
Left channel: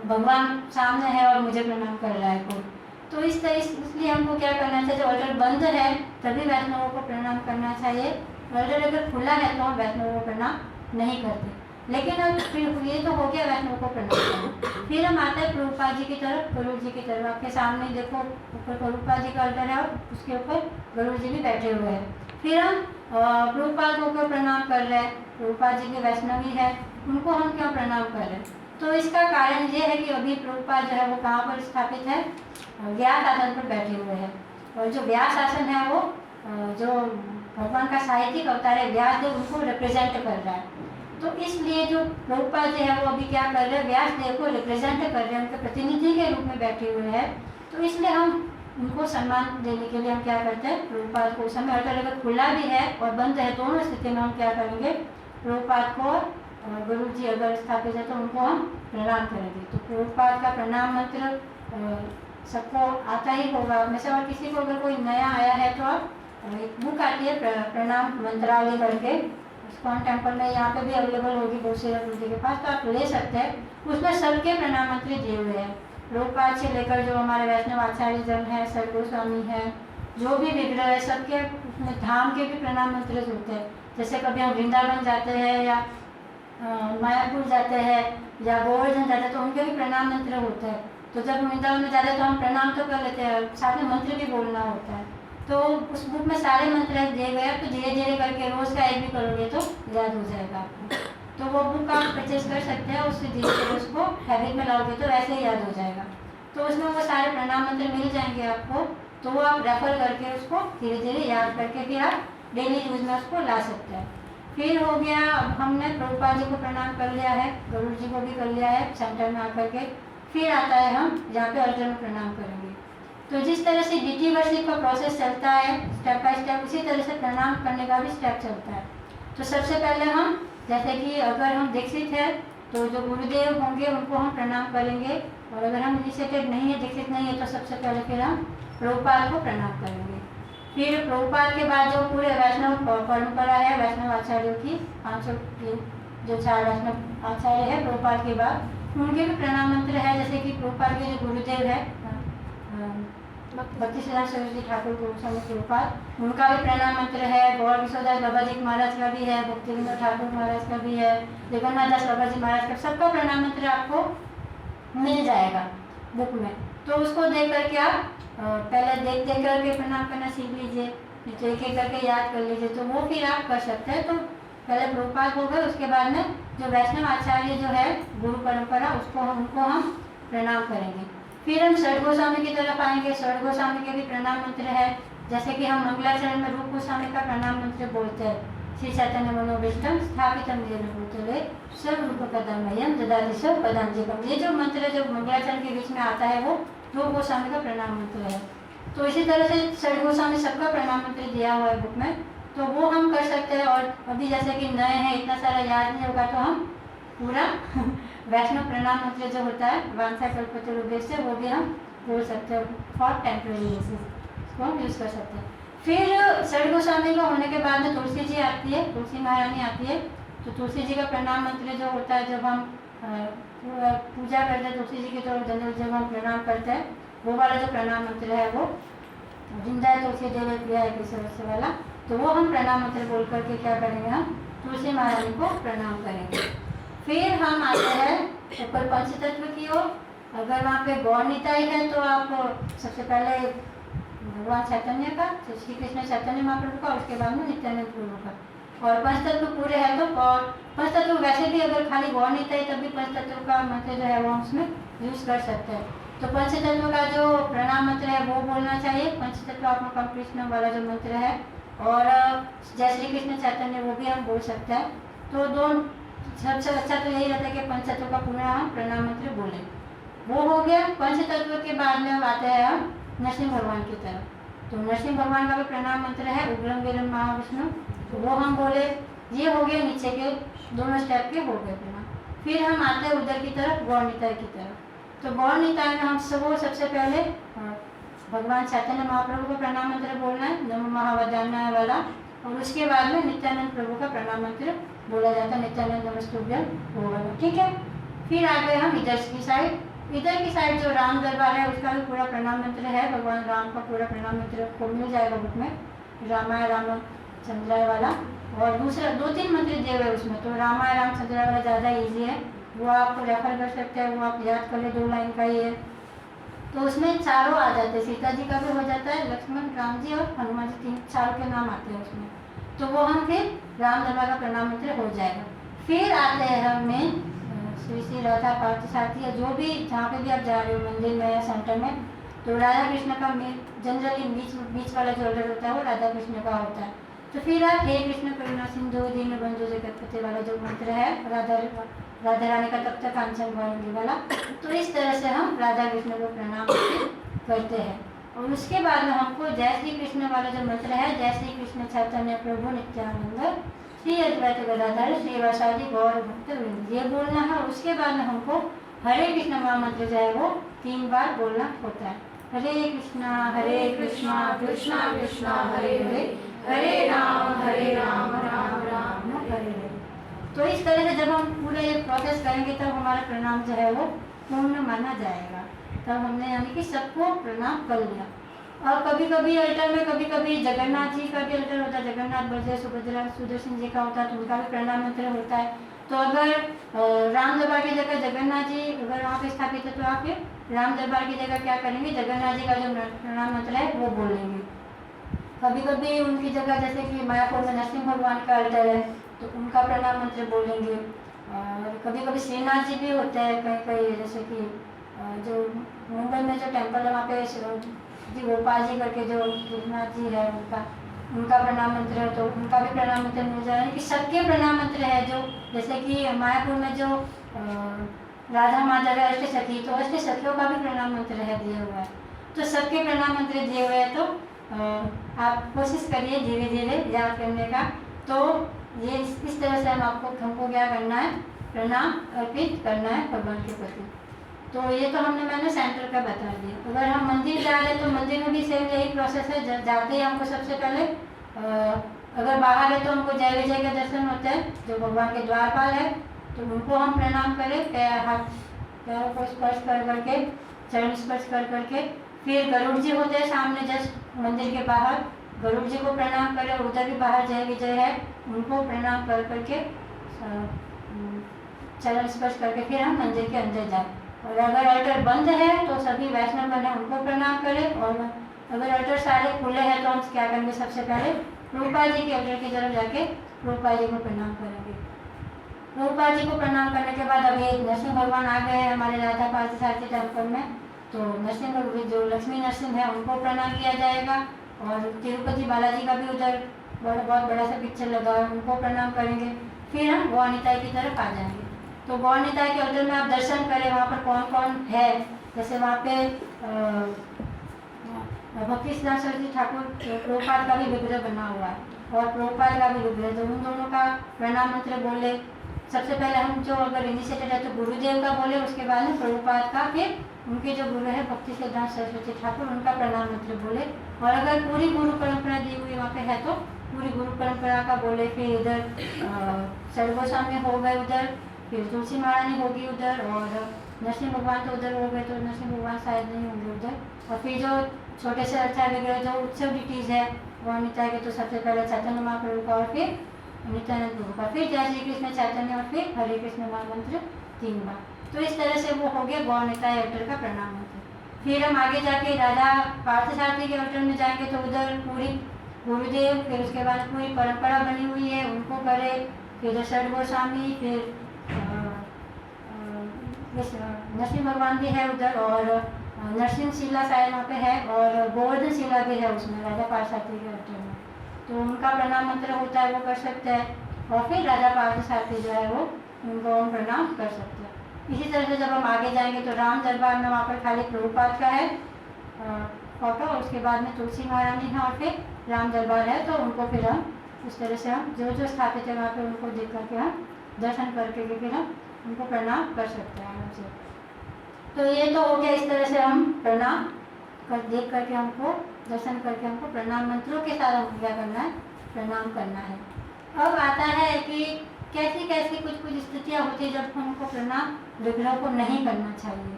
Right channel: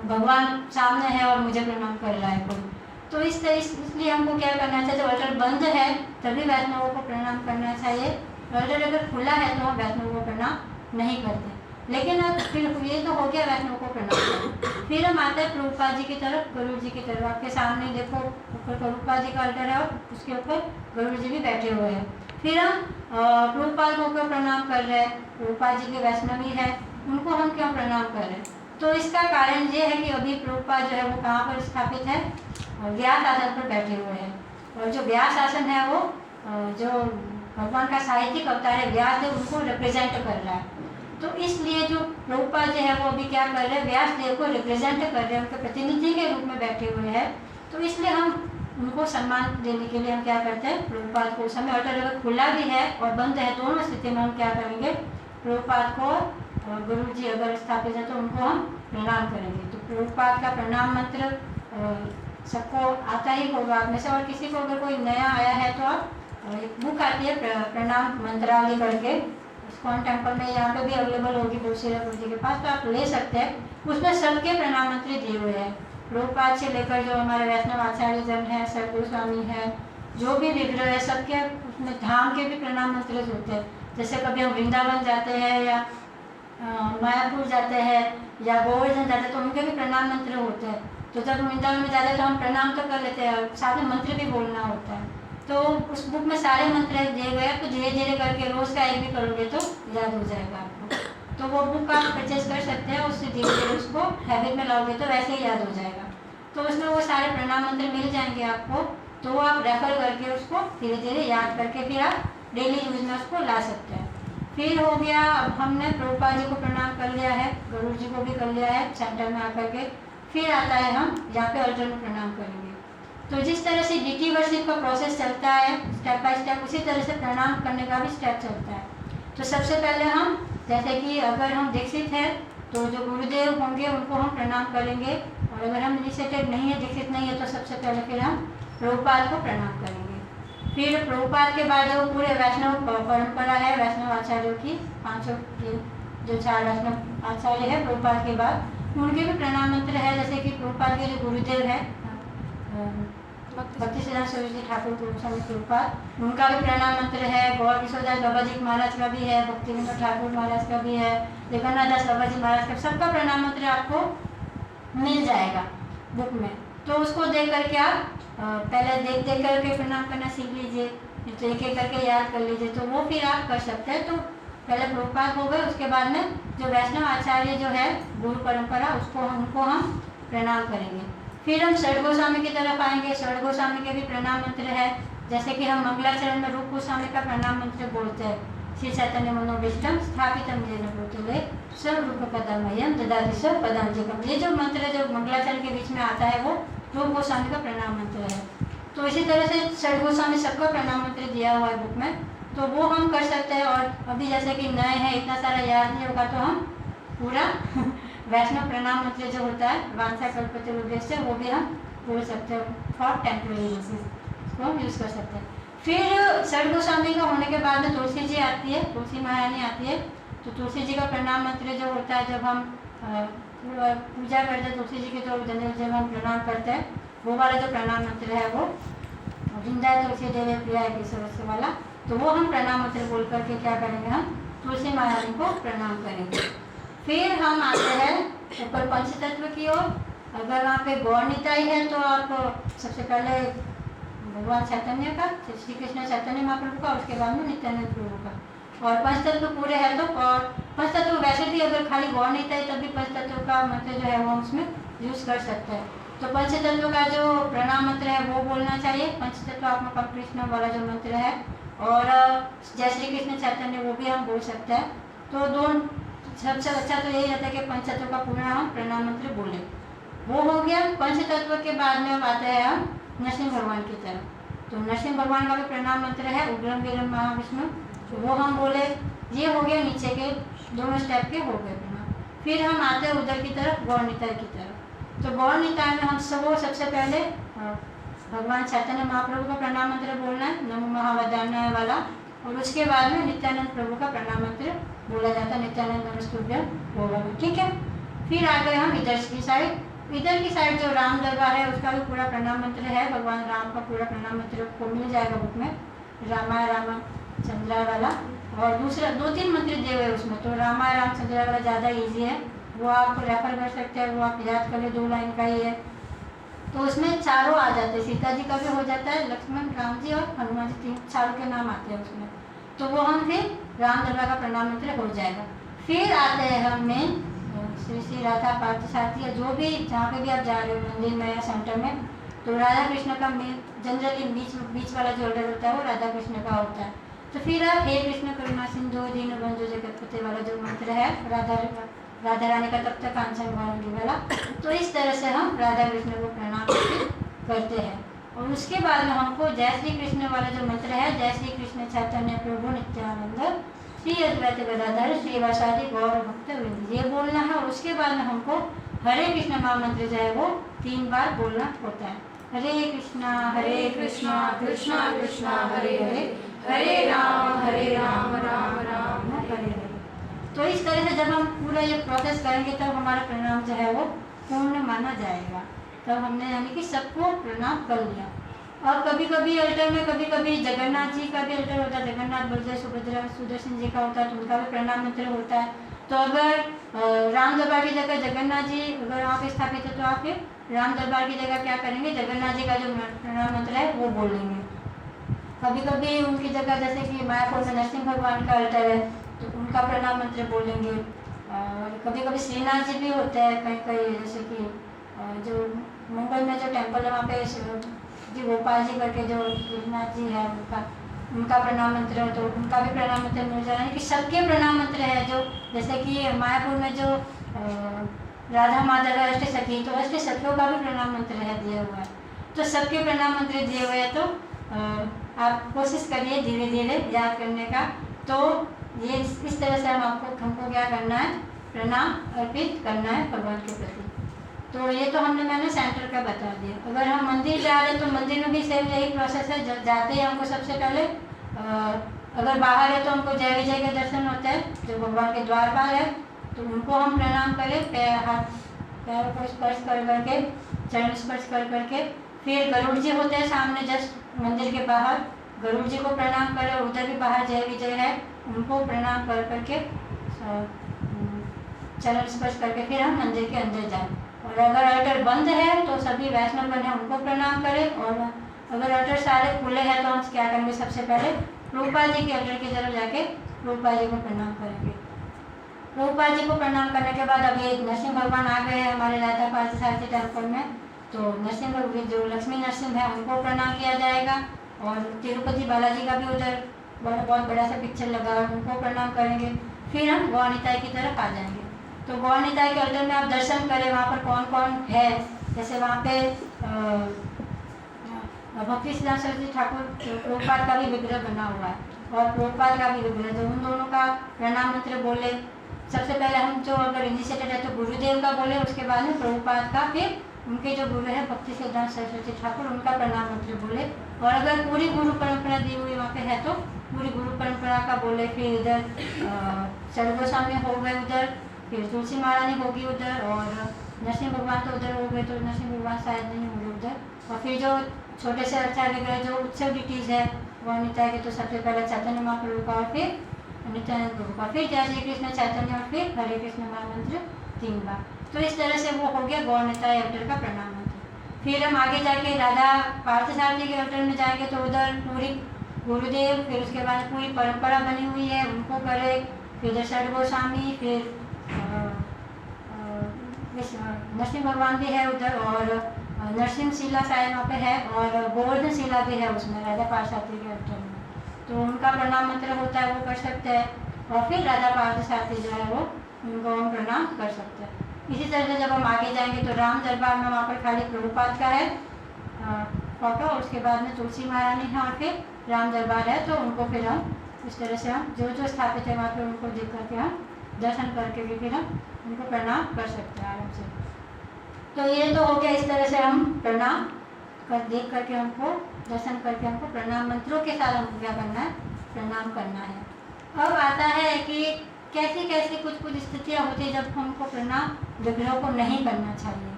भगवान सामने है और मुझे प्रणाम कर रहा है कोई। तो इसलिए हमको क्या करना चाहिए, जब अल्टर बंद है तभी वैष्णवों को प्रणाम करना चाहिए। अल्टर अगर खुला है तो हम वैष्णवों को प्रणाम नहीं करते। लेकिन अब फिर ये तो हो गया वैष्णव को प्रणाम करना। फिर हम आते हैं प्रभुपाद जी की तरफ, गरुड़ जी की तरफ। आपके सामने देखो ऊपर प्रभुपाद जी का अल्टर है और उसके ऊपर गरुड़ जी भी बैठे हुए हैं। फिर हम प्रभुपाद को प्रणाम कर रहे हैं, प्रभुपाद जी के वैष्णवी है, उनको हम क्यों प्रणाम कर रहे हैं? तो इसका कारण ये है कि अभी प्रभुपाद जो है वो कहाँ पर स्थापित है, व्यास आसन पर बैठे हुए हैं। और जो व्यास आसन है वो जो भगवान का साहित्यिक अवतार है व्यासदेव, उनको रिप्रेजेंट कर रहा है। तो इसलिए जो प्रभुपाद जो है वो अभी क्या कर रहे हैं, व्यासदेव को रिप्रेजेंट कर रहे हैं, उनके प्रतिनिधि के रूप में बैठे हुए हैं। तो इसलिए हम उनको सम्मान देने के लिए हम क्या करते हैं, प्रभुपाद को, उस समय अगर खुला भी है और बंद है दोनों स्थिति में हम क्या करेंगे, प्रभुपाद को, गुरु जी अगर स्थापित है तो उनको हम प्रणाम करेंगे। तो प्रभुपाद का प्रणाम मंत्र सबको आता ही होगा आप में से, और किसी को अगर कोई नया आया है तो आप एक बुक आती है प्रणाम मंत्रावली करके, इस्कॉन टेम्पल में यहाँ पे भी अवेलेबल होगी बोसेरा गुरु जी के पास, तो आप ले सकते हैं। उसमें सबके प्रणाम मंत्र दिए हुए हैं, प्रभुपाद से लेकर जो हमारे वैष्णव आचार्य जन है, सर गोस्वामी है, जो भी विग्रह है सबके उसमें धाम के भी प्रणाम मंत्र होते हैं। जैसे कभी हम वृंदावन जाते हैं या मायापुर जाते हैं या गोवर्धन जाते हैं तो उनके भी प्रणाम मंत्र होते हैं। तो जब वृंदावन में जाते हैं तो हम प्रणाम तो कर लेते हैं, साथ में मंत्र भी बोलना होता है। तो उस बुक में सारे मंत्र दिए गए हैं, तो धीरे धीरे करके रोज़ का एक भी करोगे तो याद हो जाएगा आपको। तो वो बुक आप परचेज कर सकते हैं, उससे धीरे धीरे उसको हैबिट में लाओगे तो वैसे ही याद हो जाएगा। तो उसमें वो सारे प्रणाम मंत्र मिल जाएंगे आपको, तो वो आप रेफर करके उसको धीरे धीरे याद करके फिर आप डेली यूज में उसको ला सकते हैं। फिर हो गया, अब हमने प्रभुपाद जी को प्रणाम कर लिया है, गरुड़ जी को भी कर लिया है सेंटर में आकर के। फिर आता है हम यहाँ पे अल्टर में प्रणाम करेंगे। तो जिस तरह से डीटी वर्शिप का प्रोसेस चलता है स्टेप बाय स्टेप, उसी तरह से प्रणाम करने का भी स्टेप चलता है। तो सबसे पहले हम, जैसे कि अगर हम दीक्षित हैं तो जो गुरुदेव होंगे उनको हम प्रणाम करेंगे, और अगर हम इनिशिएटेड नहीं है, दीक्षित नहीं है, तो सबसे पहले फिर हम प्रभुपाद को प्रणाम करेंगे। फिर प्रभुपाद के बाद जो पूरे वैष्णव परंपरा है, वैष्णव आचार्यों की 500 जो 4 वैष्णव आचार्य है प्रभुपाद के बाद, उनके भी प्रणाम मंत्र है। जैसे कि प्रभुपाद के जो गुरुदेव है भक्ति सिद्धांत सरस्वती ठाकुर गोस्वामी प्रभुपाद, उनका भी प्रणाम मंत्र है। गौर किशोरदास बाबा जी महाराज का भी है, भक्ति विनोद ठाकुर महाराज का भी है, जगन्नाथ दास बाबा जी महाराज का, सबका प्रणाम मंत्र आपको मिल जाएगा बुक में। तो उसको देख करके आप पहले देख करके प्रणाम करना सीख लीजिए, फिर एक एक करके याद कर लीजिए, तो वो फिर आप कर सकते हैं। तो पहले प्रभुपाद हो गए, उसके बाद में जो वैष्णव आचार्य जो है गुरु परंपरा, उनको हम प्रणाम करेंगे। फिर हम षड गोस्वामी की तरफ आएंगे। षड गोस्वामी के भी प्रणाम मंत्र है। जैसे कि हम मंगलाचरण में रूप गोस्वामी का प्रणाम मंत्र बोलते हैं, श्री चैतन्य मनोभीष्टम स्थापितम येन भूतले सर्वरूप कदमयम ददाति स पदांजलिकम। ये जो मंत्र है जो मंगलाचरण के बीच में आता है वो रूप गोस्वामी का प्रणाम मंत्र है। तो इसी तरह से षड गोस्वामी सबका प्रणाम मंत्र दिया हुआ है बुक में, तो वो हम कर सकते हैं। और अभी जैसे कि नए हैं, इतना सारा याद नहीं होगा, तो हम पूरा वैष्णव प्रणाम मंत्र जो होता है वांछा कल्पतरुभ्यश्च से, वो भी हम बोल सकते हैं फॉर टेम्पररी बेसिस, इसको हम यूज़ कर सकते हैं। फिर षड गोस्वामी का होने के बाद में तुलसी जी आती है, तुलसी महारानी आती है। तो तुलसी जी का प्रणाम मंत्र जो होता है, जब हम पूजा करते हैं तुलसी जी की, तो जनरल जब हम प्रणाम करते हैं वो वाला जो प्रणाम मंत्र है वो जिंदा है तुलसी देवे प्रिया है केशव से वाला, तो वो हम प्रणाम मंत्र बोल करके क्या करेंगे, हम तुलसी महारानी को प्रणाम करेंगे। फिर हम आते हैं ऊपर पंचतत्व की ओर। अगर वहाँ पे गौर निताई है तो आप सबसे पहले भगवान चैतन्य का, श्री कृष्ण चैतन्य महाप्रभु का, उसके बाद में नित्यानंद प्रभु का। और पंचतत्व पूरे है तो, और पंचतत्व वैसे भी अगर खाली गौर निताई तब भी पंचतत्व का मंत्र जो है वो उसमें यूज कर सकते हैं। तो पंचतत्व का जो प्रणाम मंत्र है वो बोलना चाहिए, पंचतत्व आत्मा कृष्ण वाला जो मंत्र है, और जय श्री कृष्ण चैतन्य वो भी हम बोल सकते हैं। तो दोनों सबसे अच्छा तो यही रहता है कि पंचतत्व का पूरा हम प्रणाम मंत्र बोले। वो हो गया। पंचतत्व के बाद में आते हैं हम नरसिंह भगवान की तरफ। तो नरसिंह भगवान का भी प्रणाम मंत्र है उग्रम वीरम महाविष्णु, तो वो हम बोले। ये हो गया नीचे के दोनों स्टेप के हो गए प्रणाम। फिर हम आते हैं उधर की तरफ, गौर निताय की तरफ। तो गौर निताय में हम सबसे पहले भगवान चैतन्य महाप्रभु का प्रणाम मंत्र बोलना है, नमो महावदान्याय वाला, और उसके बाद में नित्यानंद प्रभु का प्रणाम मंत्र बोला जाता है, नित्यानंद नमस्तुभ्यम होगा। ठीक है। फिर आ गए हम इधर की साइड। इधर की साइड जो राम दरबार है उसका भी पूरा प्रणाम मंत्र है, भगवान राम का पूरा प्रणाम मंत्र को मिल जाएगा बुक में, रामाय रामचंद्राय वाला। और दूसरा 2-3 मंत्र दिए हुए उसमें, तो रामाय रामचंद्राय वाला ज़्यादा ईजी है, वो आप रेफर कर सकते हैं, वो आप याद कर ले, 2 लाइन का ही है। तो उसमें चारों आ जाते हैं, सीता जी का भी हो जाता है, लक्ष्मण, राम जी और हनुमान जी, 3-4 के नाम आते हैं उसमें। तो वो हम फिर राम दरबार का प्रणाम मंत्र हो जाएगा। फिर आते हैं हम मेन श्री श्री राधा पार्थ साथी, या जो भी जहाँ पे भी आप जा रहे हो मंदिर में या सेंटर में, तो राधा कृष्ण का जनरली बीच वाला जो ऑर्डर होता है वो राधा कृष्ण का होता है। तो फिर आप हे कृष्ण करुणा सिंधु दीनबंधु जगतपते वाला जो मंत्र है, राधा रानी का तब तक कांचन गौरंगी वाला, तो इस तरह से हम राधा कृष्ण को प्रणाम करते हैं। और उसके बाद में हमको जय श्री कृष्ण वाला जो मंत्र है, जय श्री कृष्ण चैतन्य प्रभु नित्यानंद श्री अद्वैत गदाधर श्रीवासादि गौर भक्त वृंद, ये बोलना है। और उसके बाद में हमको हरे कृष्ण महामंत्र जो है वो 3 बार बोलना होता है। हरे कृष्णा कृष्णा कृष्णा हरे हरे, हरे राम राम राम हरे हरे। तो इस तरह से जब हम पूरा ये प्रोसेस करेंगे तब हमारा प्रणाम जो है वो पूर्ण माना जाएगा। तब हमने यानी कि सबको प्रणाम कर लिया। और कभी कभी अल्टर में कभी कभी जगन्नाथ जी का भी अल्टर होता है, जगन्नाथ बलदेव सुभद्रा सुदर्शन जी का होता है, तो उनका भी प्रणाम मंत्र होता है। तो अगर राम दरबार की जगह जगन्नाथ जी अगर वहाँ पे स्थापित है तो आप फिर राम दरबार की जगह क्या करेंगे, जगन्नाथ जी का जो प्रणाम मंत्र है वो बोलेंगे। कभी कभी उनकी जगह जैसे कि मायापुर में नरसिंह भगवान का अल्टर है तो उनका प्रणाम मंत्र बोलेंगे। और कभी कभी श्रीनाथ जी भी होते हैं कहीं कहीं, जैसे कि जो मुंबई में जो टेम्पल है वहाँ पे जी गोपाल जी करके जो श्रीनाथ जी है उनका प्रणाम मंत्र है, तो उनका भी प्रणाम मंत्र मिल जाए कि सबके प्रणाम मंत्र है। जो जैसे कि मायापुर में जो राधा माधव है अष्ट सखी, तो अष्ट सखियों का भी प्रणाम मंत्र है दिया हुआ है। तो सबके प्रणाम मंत्र दिए हुए हैं, तो आप कोशिश करिए धीरे धीरे याद करने का। तो ये इस तरह से हमको क्या करना है, प्रणाम अर्पित करना है भगवान के प्रति। तो ये तो मैंने सेंटर का बता दिया। अगर हम मंदिर जा रहे हैं तो मंदिर में भी सेम यही प्रोसेस है। जाते ही हमको सबसे पहले अगर बाहर है तो हमको जय विजय के दर्शन होते हैं, जो भगवान के द्वारपाल है, तो उनको हम प्रणाम करें, पैरों को स्पर्श कर करके, चरण स्पर्श कर करके। फिर गरुड़ जी होते हैं सामने जस्ट मंदिर के बाहर, गरुड़ जी को प्रणाम करें। उधर भी बाहर जय विजय है, उनको प्रणाम कर करके चरण स्पर्श करके फिर हम मंदिर के अंदर जाएं। और अगर अल्टर बंद है तो सभी वैष्णव बने उनको प्रणाम करें। और अगर अल्टर सारे खुले हैं तो हम क्या करेंगे, सबसे पहले प्रभुपाद जी के अल्टर की तरफ जाके प्रभुपाद जी को प्रणाम करेंगे। प्रभुपाद जी को प्रणाम करने के बाद अब ये नरसिंह भगवान आ गए हैं हमारे राधा पार्थ सारथी टेम्पल में, तो नरसिंह जो लक्ष्मी नरसिंह है उनको प्रणाम किया जाएगा। और तिरुपति बालाजी का भी उधर बहुत बड़ा सा पिक्चर लगा है, उनको प्रणाम करेंगे। फिर हम गौर निताई की तरफ आ जाएंगे। तो गौर निताई के अल्टर में आप दर्शन करें, वहाँ पर कौन कौन है। जैसे वहाँ पे भक्ति सिद्धांत सरस्वती ठाकुर प्रभुपाद का भी विग्रह बना हुआ है और प्रभुपाद का भी विग्रह, तो उन दोनों का प्रणाम मंत्र बोले। सबसे पहले हम जो अगर इनिशिएटेड है तो गुरुदेव का बोले, उसके बाद में प्रभुपाद का, फिर उनके जो गुरु है भक्ति सिद्धांत सरस्वती ठाकुर, उनका प्रणाम मंत्र बोले। और अगर पूरी गुरु परंपरा दी हुई वहाँ पे है तो पूरी गुरु परंपरा का बोले। फिर इधर सर्वगोस्वामी हो गए उधर, फिर तुलसी महारानी होगी उधर, और नरसिंह भगवान तो उधर हो गए, तो नरसिंह भगवान शायद नहीं होंगे उधर। और फिर जो छोटे से अर्चा विग्रह जो उत्सव डिटीज है गौर निताय के, तो सबसे पहले चैतन्य महाप्रभु का और फिर नित्यानंद प्रभु का, फिर जय श्री कृष्ण चैतन्य और फिर हरे कृष्ण महामंत्र 3 बार। तो इस तरह से वो हो गया गौर निताय अवतार का प्रणाम मंत्र। फिर हम आगे जाके राधा पार्थसारथी के अवतार में जाएंगे तो उधर पूरी गुरुदेव, फिर उसके बाद पूरी परंपरा बनी हुई है उनको करे, फिर दशरथ गोस्वामी, फिर नरसिंह भगवान भी है उधर, और नरसिंह शिला शायद वहाँ पे है, और गोवर्धन शिला भी है उसमें राधा पार्थसारथी के अवतार में, तो उनका प्रणाम मंत्र होता है वो कर सकते हैं। और फिर राधा पार्थसारथी जो है वो उनको हम प्रणाम कर सकते हैं। इसी तरह से जब हम आगे जाएंगे तो राम दरबार में वहाँ पर खाली प्रभुपाद का है फोटो, उसके बाद में तुलसी महारानी है और फिर राम दरबार है, तो उनको फिर हम इस तरह से हम जो जो स्थापित है वहाँ पे उनको देख करके हम दर्शन करके भी फिर हम उनको प्रणाम कर सकते हैं आराम से। तो ये तो हो गया, इस तरह से हम प्रणाम कर देख करके हमको दर्शन करके हमको प्रणाम मंत्रों के साथ हमको क्या करना है, प्रणाम करना है। अब आता है कि कैसी कैसी कुछ स्थितियाँ होती है जब हमको प्रणाम विग्रह को नहीं करना चाहिए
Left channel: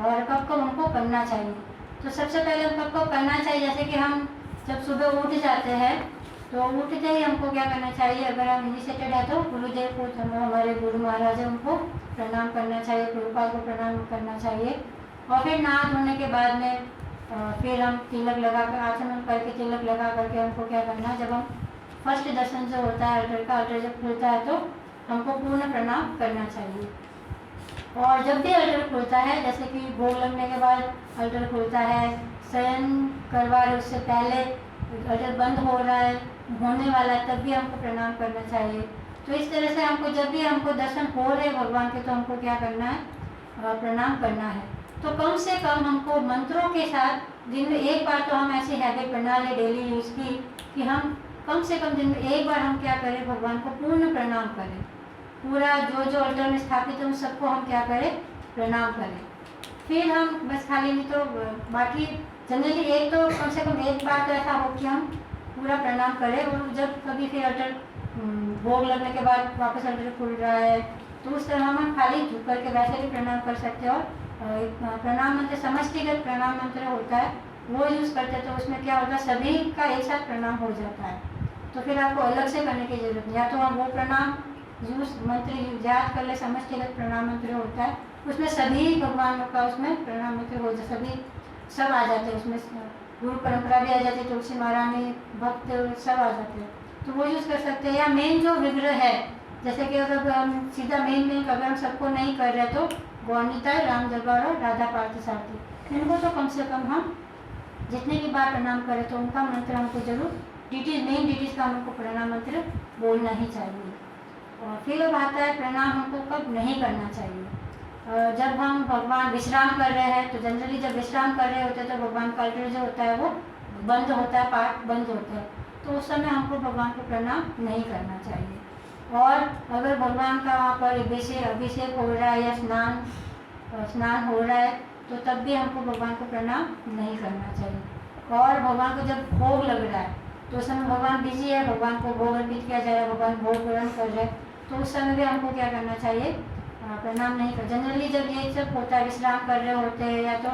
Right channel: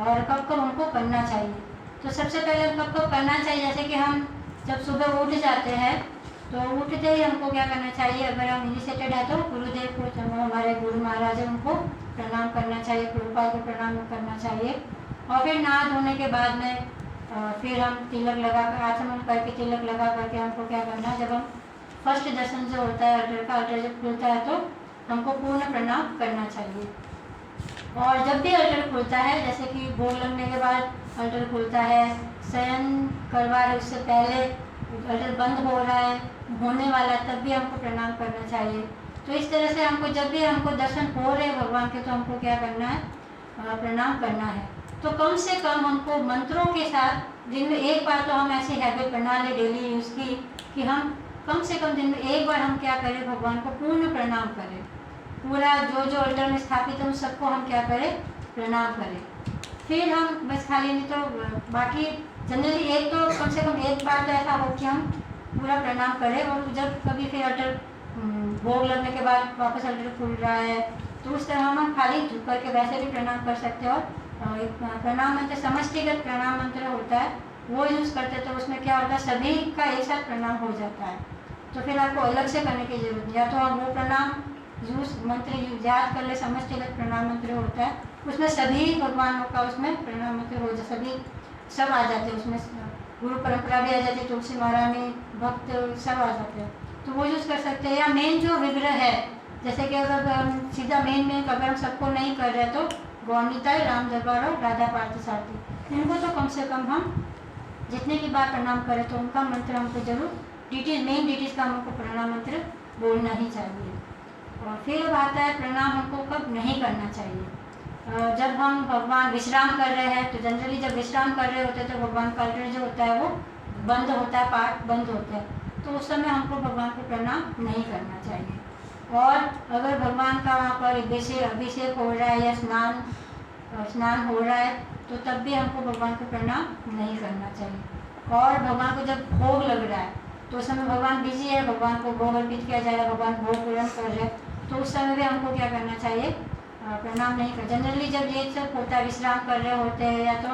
और कब कब हमको करना चाहिए। तो सबसे पहले कब कब करना चाहिए, जैसे कि हम जब सुबह उठ जाते हैं तो उठते ही हमको क्या करना चाहिए, अगर हम इनिशिएटेड है तो गुरुदेव को, हमारे गुरु महाराज है उनको प्रणाम करना चाहिए, प्रभुपाद को प्रणाम करना चाहिए। और फिर नहा धोने के बाद में फिर हम तिलक लगा कर आचमन करके तिलक लगा करके हमको क्या करना है, जब हम फर्स्ट दर्शन जो होता है अल्टर का, अल्टर जब खुलता है तो हमको पूर्ण प्रणाम करना चाहिए। और जब भी अल्टर खुलता है, जैसे कि भोग लगने के बाद अल्टर खुलता है, शयन करवा रहे उससे पहले अल्टर बंद हो रहा है, होने वाला है, तब भी हमको प्रणाम करना चाहिए। तो इस तरह से हमको जब भी हमको दर्शन हो रहे भगवान के तो हमको क्या करना है, प्रणाम करना है। तो कम से कम हमको मंत्रों के साथ दिन में एक बार तो हम ऐसी हैबिट बना ले डेली यूज़ की कि हम कम से कम दिन में एक बार हम क्या करें, भगवान को पूर्ण प्रणाम करें। पूरा जो जो अल्टर में स्थापित है उन सबको हम क्या करें, प्रणाम करें। फिर हम बस खाली नहीं तो बाकी जनरली एक तो कम से कम एक बार तो ऐसा हो कि हम पूरा प्रणाम करें। और जब कभी फिर अल्टर भोग लगने के बाद वापस अल्टर खुल रहा है तो उस तरह हम खाली झुक करके वैसे भी प्रणाम कर सकते हैं। और प्रणाम मंत्र समष्टिगत प्रणाम मंत्र होता है वो यूज़ करते हैं, तो उसमें क्या होता है सभी का एक साथ प्रणाम हो जाता है। तो फिर आपको अलग से करने की जरूरत नहीं, या तो आप वो प्रणाम मंत्र याद कर ले, समष्टिगत प्रणाम मंत्र होता है उसमें सभी भगवानों का उसमें प्रणाम मंत्र हो जाए, सब आ जाते हैं उसमें, गुरु परंपरा भी आ जाती है, तुलसी महारानी भक्त सब आ जाते हैं, तो वो यूज़ कर सकते हैं। या मेन जो विग्रह है, जैसे कि अगर हम सीधा मेन अगर हम सबको नहीं कर रहे तो गौर निताय, राम दरबार और राधा पार्थसारथी, इनको तो कम से कम हम जितने भी बार प्रणाम करें तो उनका मंत्र हमको जरूर मेन डिटीज का हमको प्रणाम मंत्र बोलना ही चाहिए। और फिर अब आता है प्रणाम हमको कब नहीं करना चाहिए। जब हम भगवान विश्राम कर रहे हैं तो जनरली जब विश्राम कर रहे होते हैं तो भगवान का अल्टर जो होता है वो बंद होता है, पार्ट बंद होता है, तो उस समय हमको भगवान को प्रणाम नहीं करना चाहिए। और अगर भगवान का वहाँ पर अभिषेक हो रहा है या स्नान हो रहा है तो तब भी हमको भगवान को प्रणाम नहीं करना चाहिए। और भगवान को जब भोग लग रहा है तो उस समय भगवान बिजी है, भगवान को भोग अर्पित किया जाएगा, भगवान भोग ग्रहण कर रहे हैं, तो उस समय भी हमको क्या करना चाहिए, प्रणाम नहीं कर। जनरली जब ये सब होता है, विश्राम कर रहे होते हैं या तो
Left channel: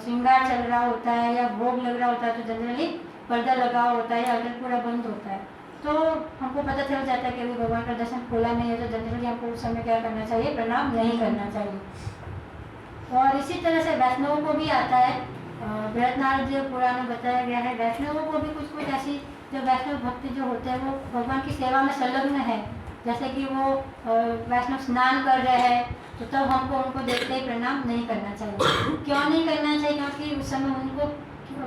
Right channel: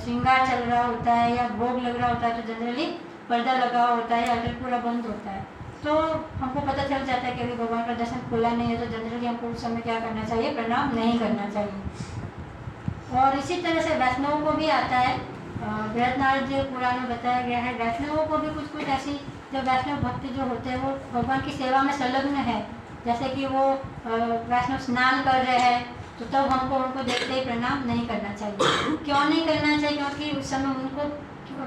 श्रृंगार चल रहा होता है या भोग लग रहा होता है तो जनरली पर्दा लगा होता है, अल्टर पूरा बंद होता है, तो हमको पता चल जाता है कि अभी भगवान का दर्शन खुला नहीं है, तो जनरली हमको उस समय क्या करना चाहिए, प्रणाम नहीं करना चाहिए। और इसी तरह से वैष्णवों को भी आता है, बृहदनाथ पुराण में बताया गया है, वैष्णवों को भी कुछ ऐसी जो वैष्णव भक्त जो होते हैं वो भगवान की सेवा में संलग्न है, जैसे कि वो वैष्णव स्नान कर रहे हैं तो तब हमको उनको देखते ही प्रणाम नहीं करना चाहिए। क्यों नहीं करना चाहिए, क्योंकि उस समय उनको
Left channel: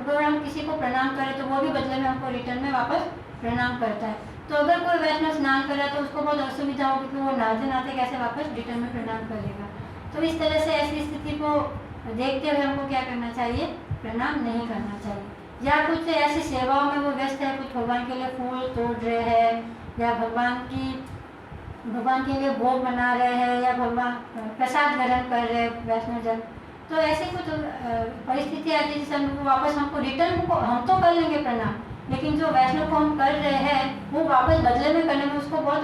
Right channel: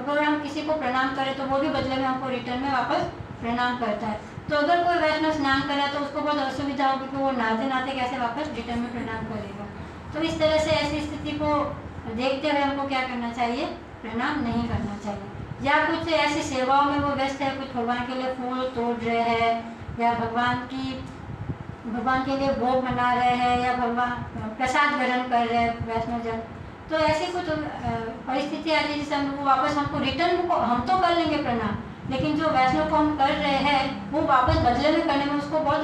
अगर हम किसी को प्रणाम करें तो वो भी बदले में हमको रिटर्न में वापस प्रणाम करता है। तो अगर कोई वैष्णव स्नान कर रहा है तो उसको बहुत असुविधा होगी कि वो नहाते नहाते कैसे वापस रिटर्न में प्रणाम करेगा। तो इस तरह से ऐसी स्थिति को देखते हुए हमको क्या करना चाहिए, प्रणाम नहीं करना चाहिए। या कुछ ऐसी सेवाओं में वो व्यस्त है, कुछ भगवान के लिए फूल तोड़ रहे हैं या भगवान के लिए भोग बना रहे हैं या भगवान प्रसाद ग्रहण कर रहे हैं वैष्णव जन, तो ऐसी कुछ परिस्थिति आती है जिससे वो वापस हमको रिटर्न को हम तो कर लेंगे प्रणाम, लेकिन जो वैष्णव को हम कर रहे हैं वो वापस बदले में करने में उसको बहुत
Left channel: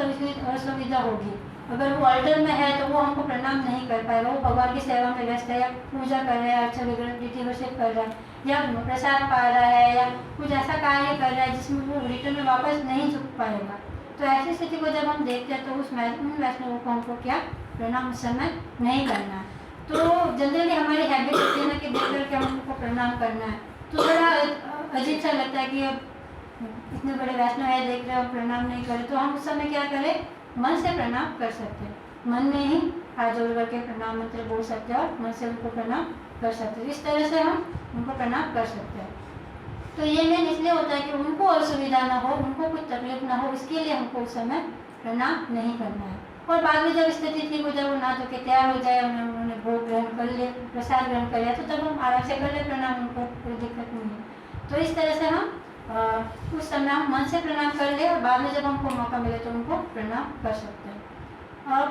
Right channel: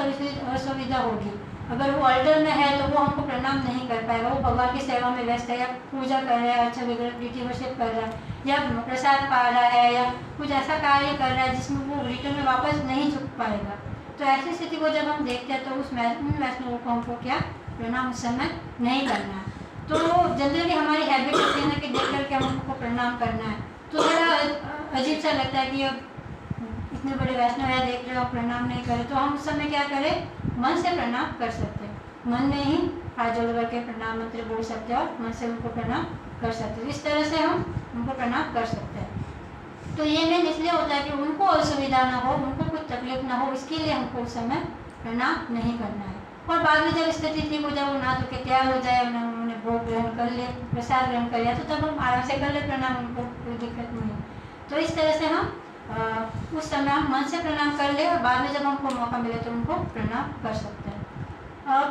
असुविधा होगी। अगर वो अल्टर में है तो वो हमको प्रणाम नहीं कर पाएगा, वो भगवान की सेवा में व्यस्त है, या पूजा कर रहा है, अच्छा विग्रह विधि वर्षित कर रहा है, या प्रसाद पा रहा है, या कुछ ऐसा कार्य कर रहा है जिसमें वो रिटर्न में वापस नहीं झुक पाएगा, तो ऐसी स्थिति को जब हम देखते हैं तो उन वैष्णवों को हमको क्या प्रणाम उस समय नहीं करना। तो जनरली हमारी हैबिट होती है ना कि देख करके हम उनको प्रणाम करना है, तो थोड़ा अजीब सा लगता है कि अब इतने बड़े वैष्णव है, देख रहे हो प्रणाम नहीं करें, तो हम उस समय क्या करें, मन से प्रणाम कर सकते हैं, मन में ही हाथ जोड़ करके प्रणाम मंत्र बोल सकते हैं और मन से उनको प्रणाम कर सकते हैं। इस तरह से हम उनको प्रणाम कर सकते हैं। तो ये मेन इसलिए होता है कि उनको असुविधा ना हो, उनको कुछ तकलीफ ना हो, इसके लिए हमको उस समय प्रणाम नहीं करना है। और बाद में जब स्थिति ठीक हो जाए, वो ना धो के तैयार हो जाए, उन्होंने भोग ग्रहण कर लिया, प्रसाद ग्रहण कर लिया, तो तब हम आराम से कर ले प्रणाम, उनको कोई दिक्कत नहीं है। तो इस तरह से हम उस समय हम मन से प्रणाम कर ले और बाद में जब हमको मौका मिले तो उनको प्रणाम कर सकते हैं।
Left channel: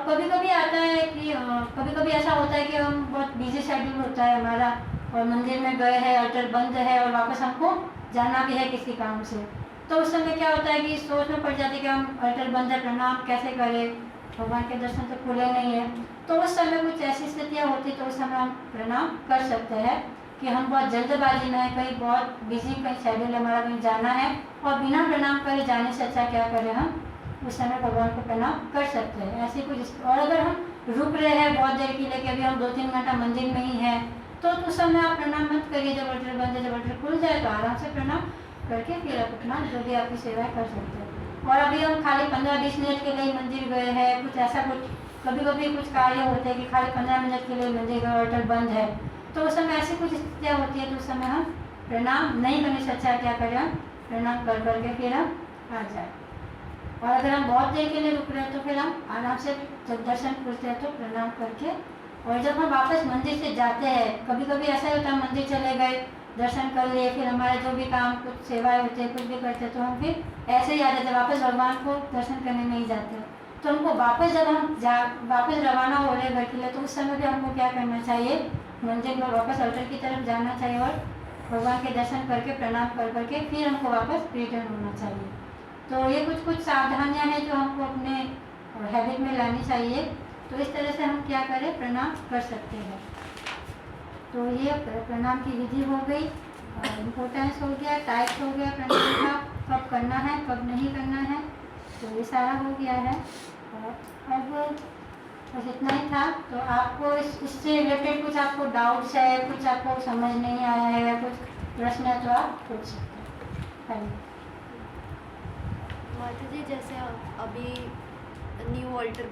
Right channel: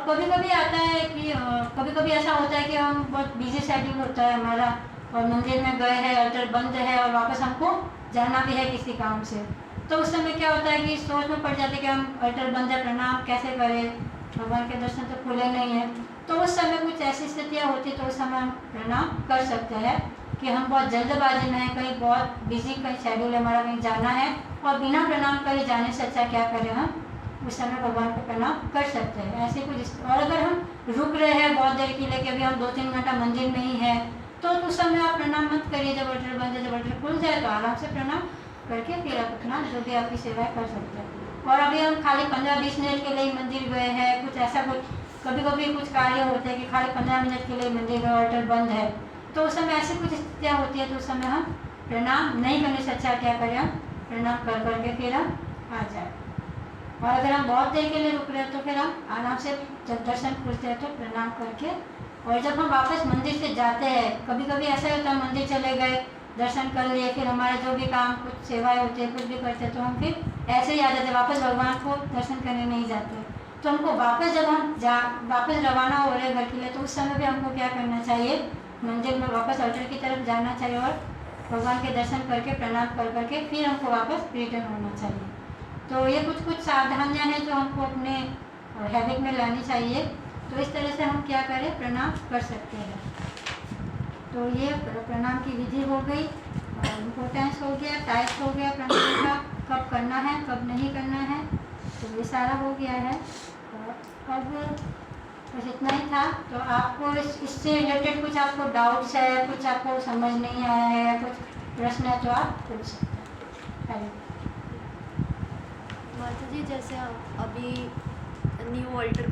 कभी कभी आता है कि कभी कभी ऐसा होता है कि हम बहुत बिजी शेड्यूल होता है हमारा, और मंदिर में गए हैं, अल्टर बंद है और वापस हमको जाना भी है किसी काम से, तो उस समय क्या होता है कि सोच में पड़ जाते हैं कि हम अल्टर बंद है, प्रणाम कैसे करें, भगवान के दर्शन तो खुले नहीं है। तो उस समय कुछ ऐसी स्थितियाँ होती तो उस समय हम प्रणाम कर सकते हैं कि हम बहुत जल्दबाजी में हैं, कहीं बहुत बिजी कहीं शेड्यूल है हमारा, कहीं जाना है, और बिना प्रणाम करे जाने से अच्छा क्या करें, हम उस समय भगवान को प्रणाम कर सकते हैं। ऐसे कुछ, और अगर हम रुक रहे हैं बहुत देर के लिए कि अभी हम 2-3 घंटा मंदिर में ही हैं, तो उस समय आप प्रणाम मत करिए, जब अल्टर बंद है, जब अल्टर खुल जाए तो आराम से प्रणाम करके फिर आप अपना जो भी आपकी सेवाएं कर सकते हैं। और अभी हम खाली 15-20 मिनट के लिए मंदिर गए हैं, कुछ ऐसा कुछ कभी कभी कुछ कार्य होते हैं कि खाली 15 मिनट के लिए मंदिर गए, अल्टर बंद है, तो उस समय ऐसी कुछ स्थितियाँ होती है तो उस समय हम प्रणाम नहीं करने से अच्छा क्या करें, हम प्रणाम कर करके फिर हम आ जाए। और अगर हम बहुत देर के लिए रुक रहे हैं तो फिर हम आराम से जब दर्शन खुलते हैं तो प्रणाम करके, और जब हम वापस मंदिर से जाते हैं, कभी कभी ऐसा होता है मंदिर चले गए, दर्शन कर लिए, फिर हमारे जो भी काम कुछ सेवाएं होती है, कुछ भी करते हैं, तो हम फिर ऐसे ही आ जाते, वापस भगवान को दर्शन करने नहीं जाते। तो हमको वापस जब हम वापस रवाना हो रहे घर के लिए, तो उस समय भी हमको क्या करना चाहिए, मंदिर में वापस अल्टर की तरफ जाना चाहिए और भगवान के दर्शन करके प्रणाम कर करके फिर हमको वापस रिटर्न होना चाहिए। तो ये कुछ सावधानियाँ हैं जो हमको अपने हैबिट में लानी चाहिए। तो इस तरह से हम क्या करें, प्रणाम कर सकते हैं। तो ये प्रणाम की विधि हो गई, इम्पोर्टेंस हो गया, टाइप हो गया प्रणाम का, कब करना है कब नहीं करना है, तो ये सारा हो गया है। अब बस इतना ही था। तो आपको इससे रिलेटेड कुछ आपको डाउट्स है, कुछ आपको समझ नहीं आया है, या कुछ प्रश्न है तो आप पूछ सकते हैं। माता जी, जैसे अभी न्यू ऑल्टर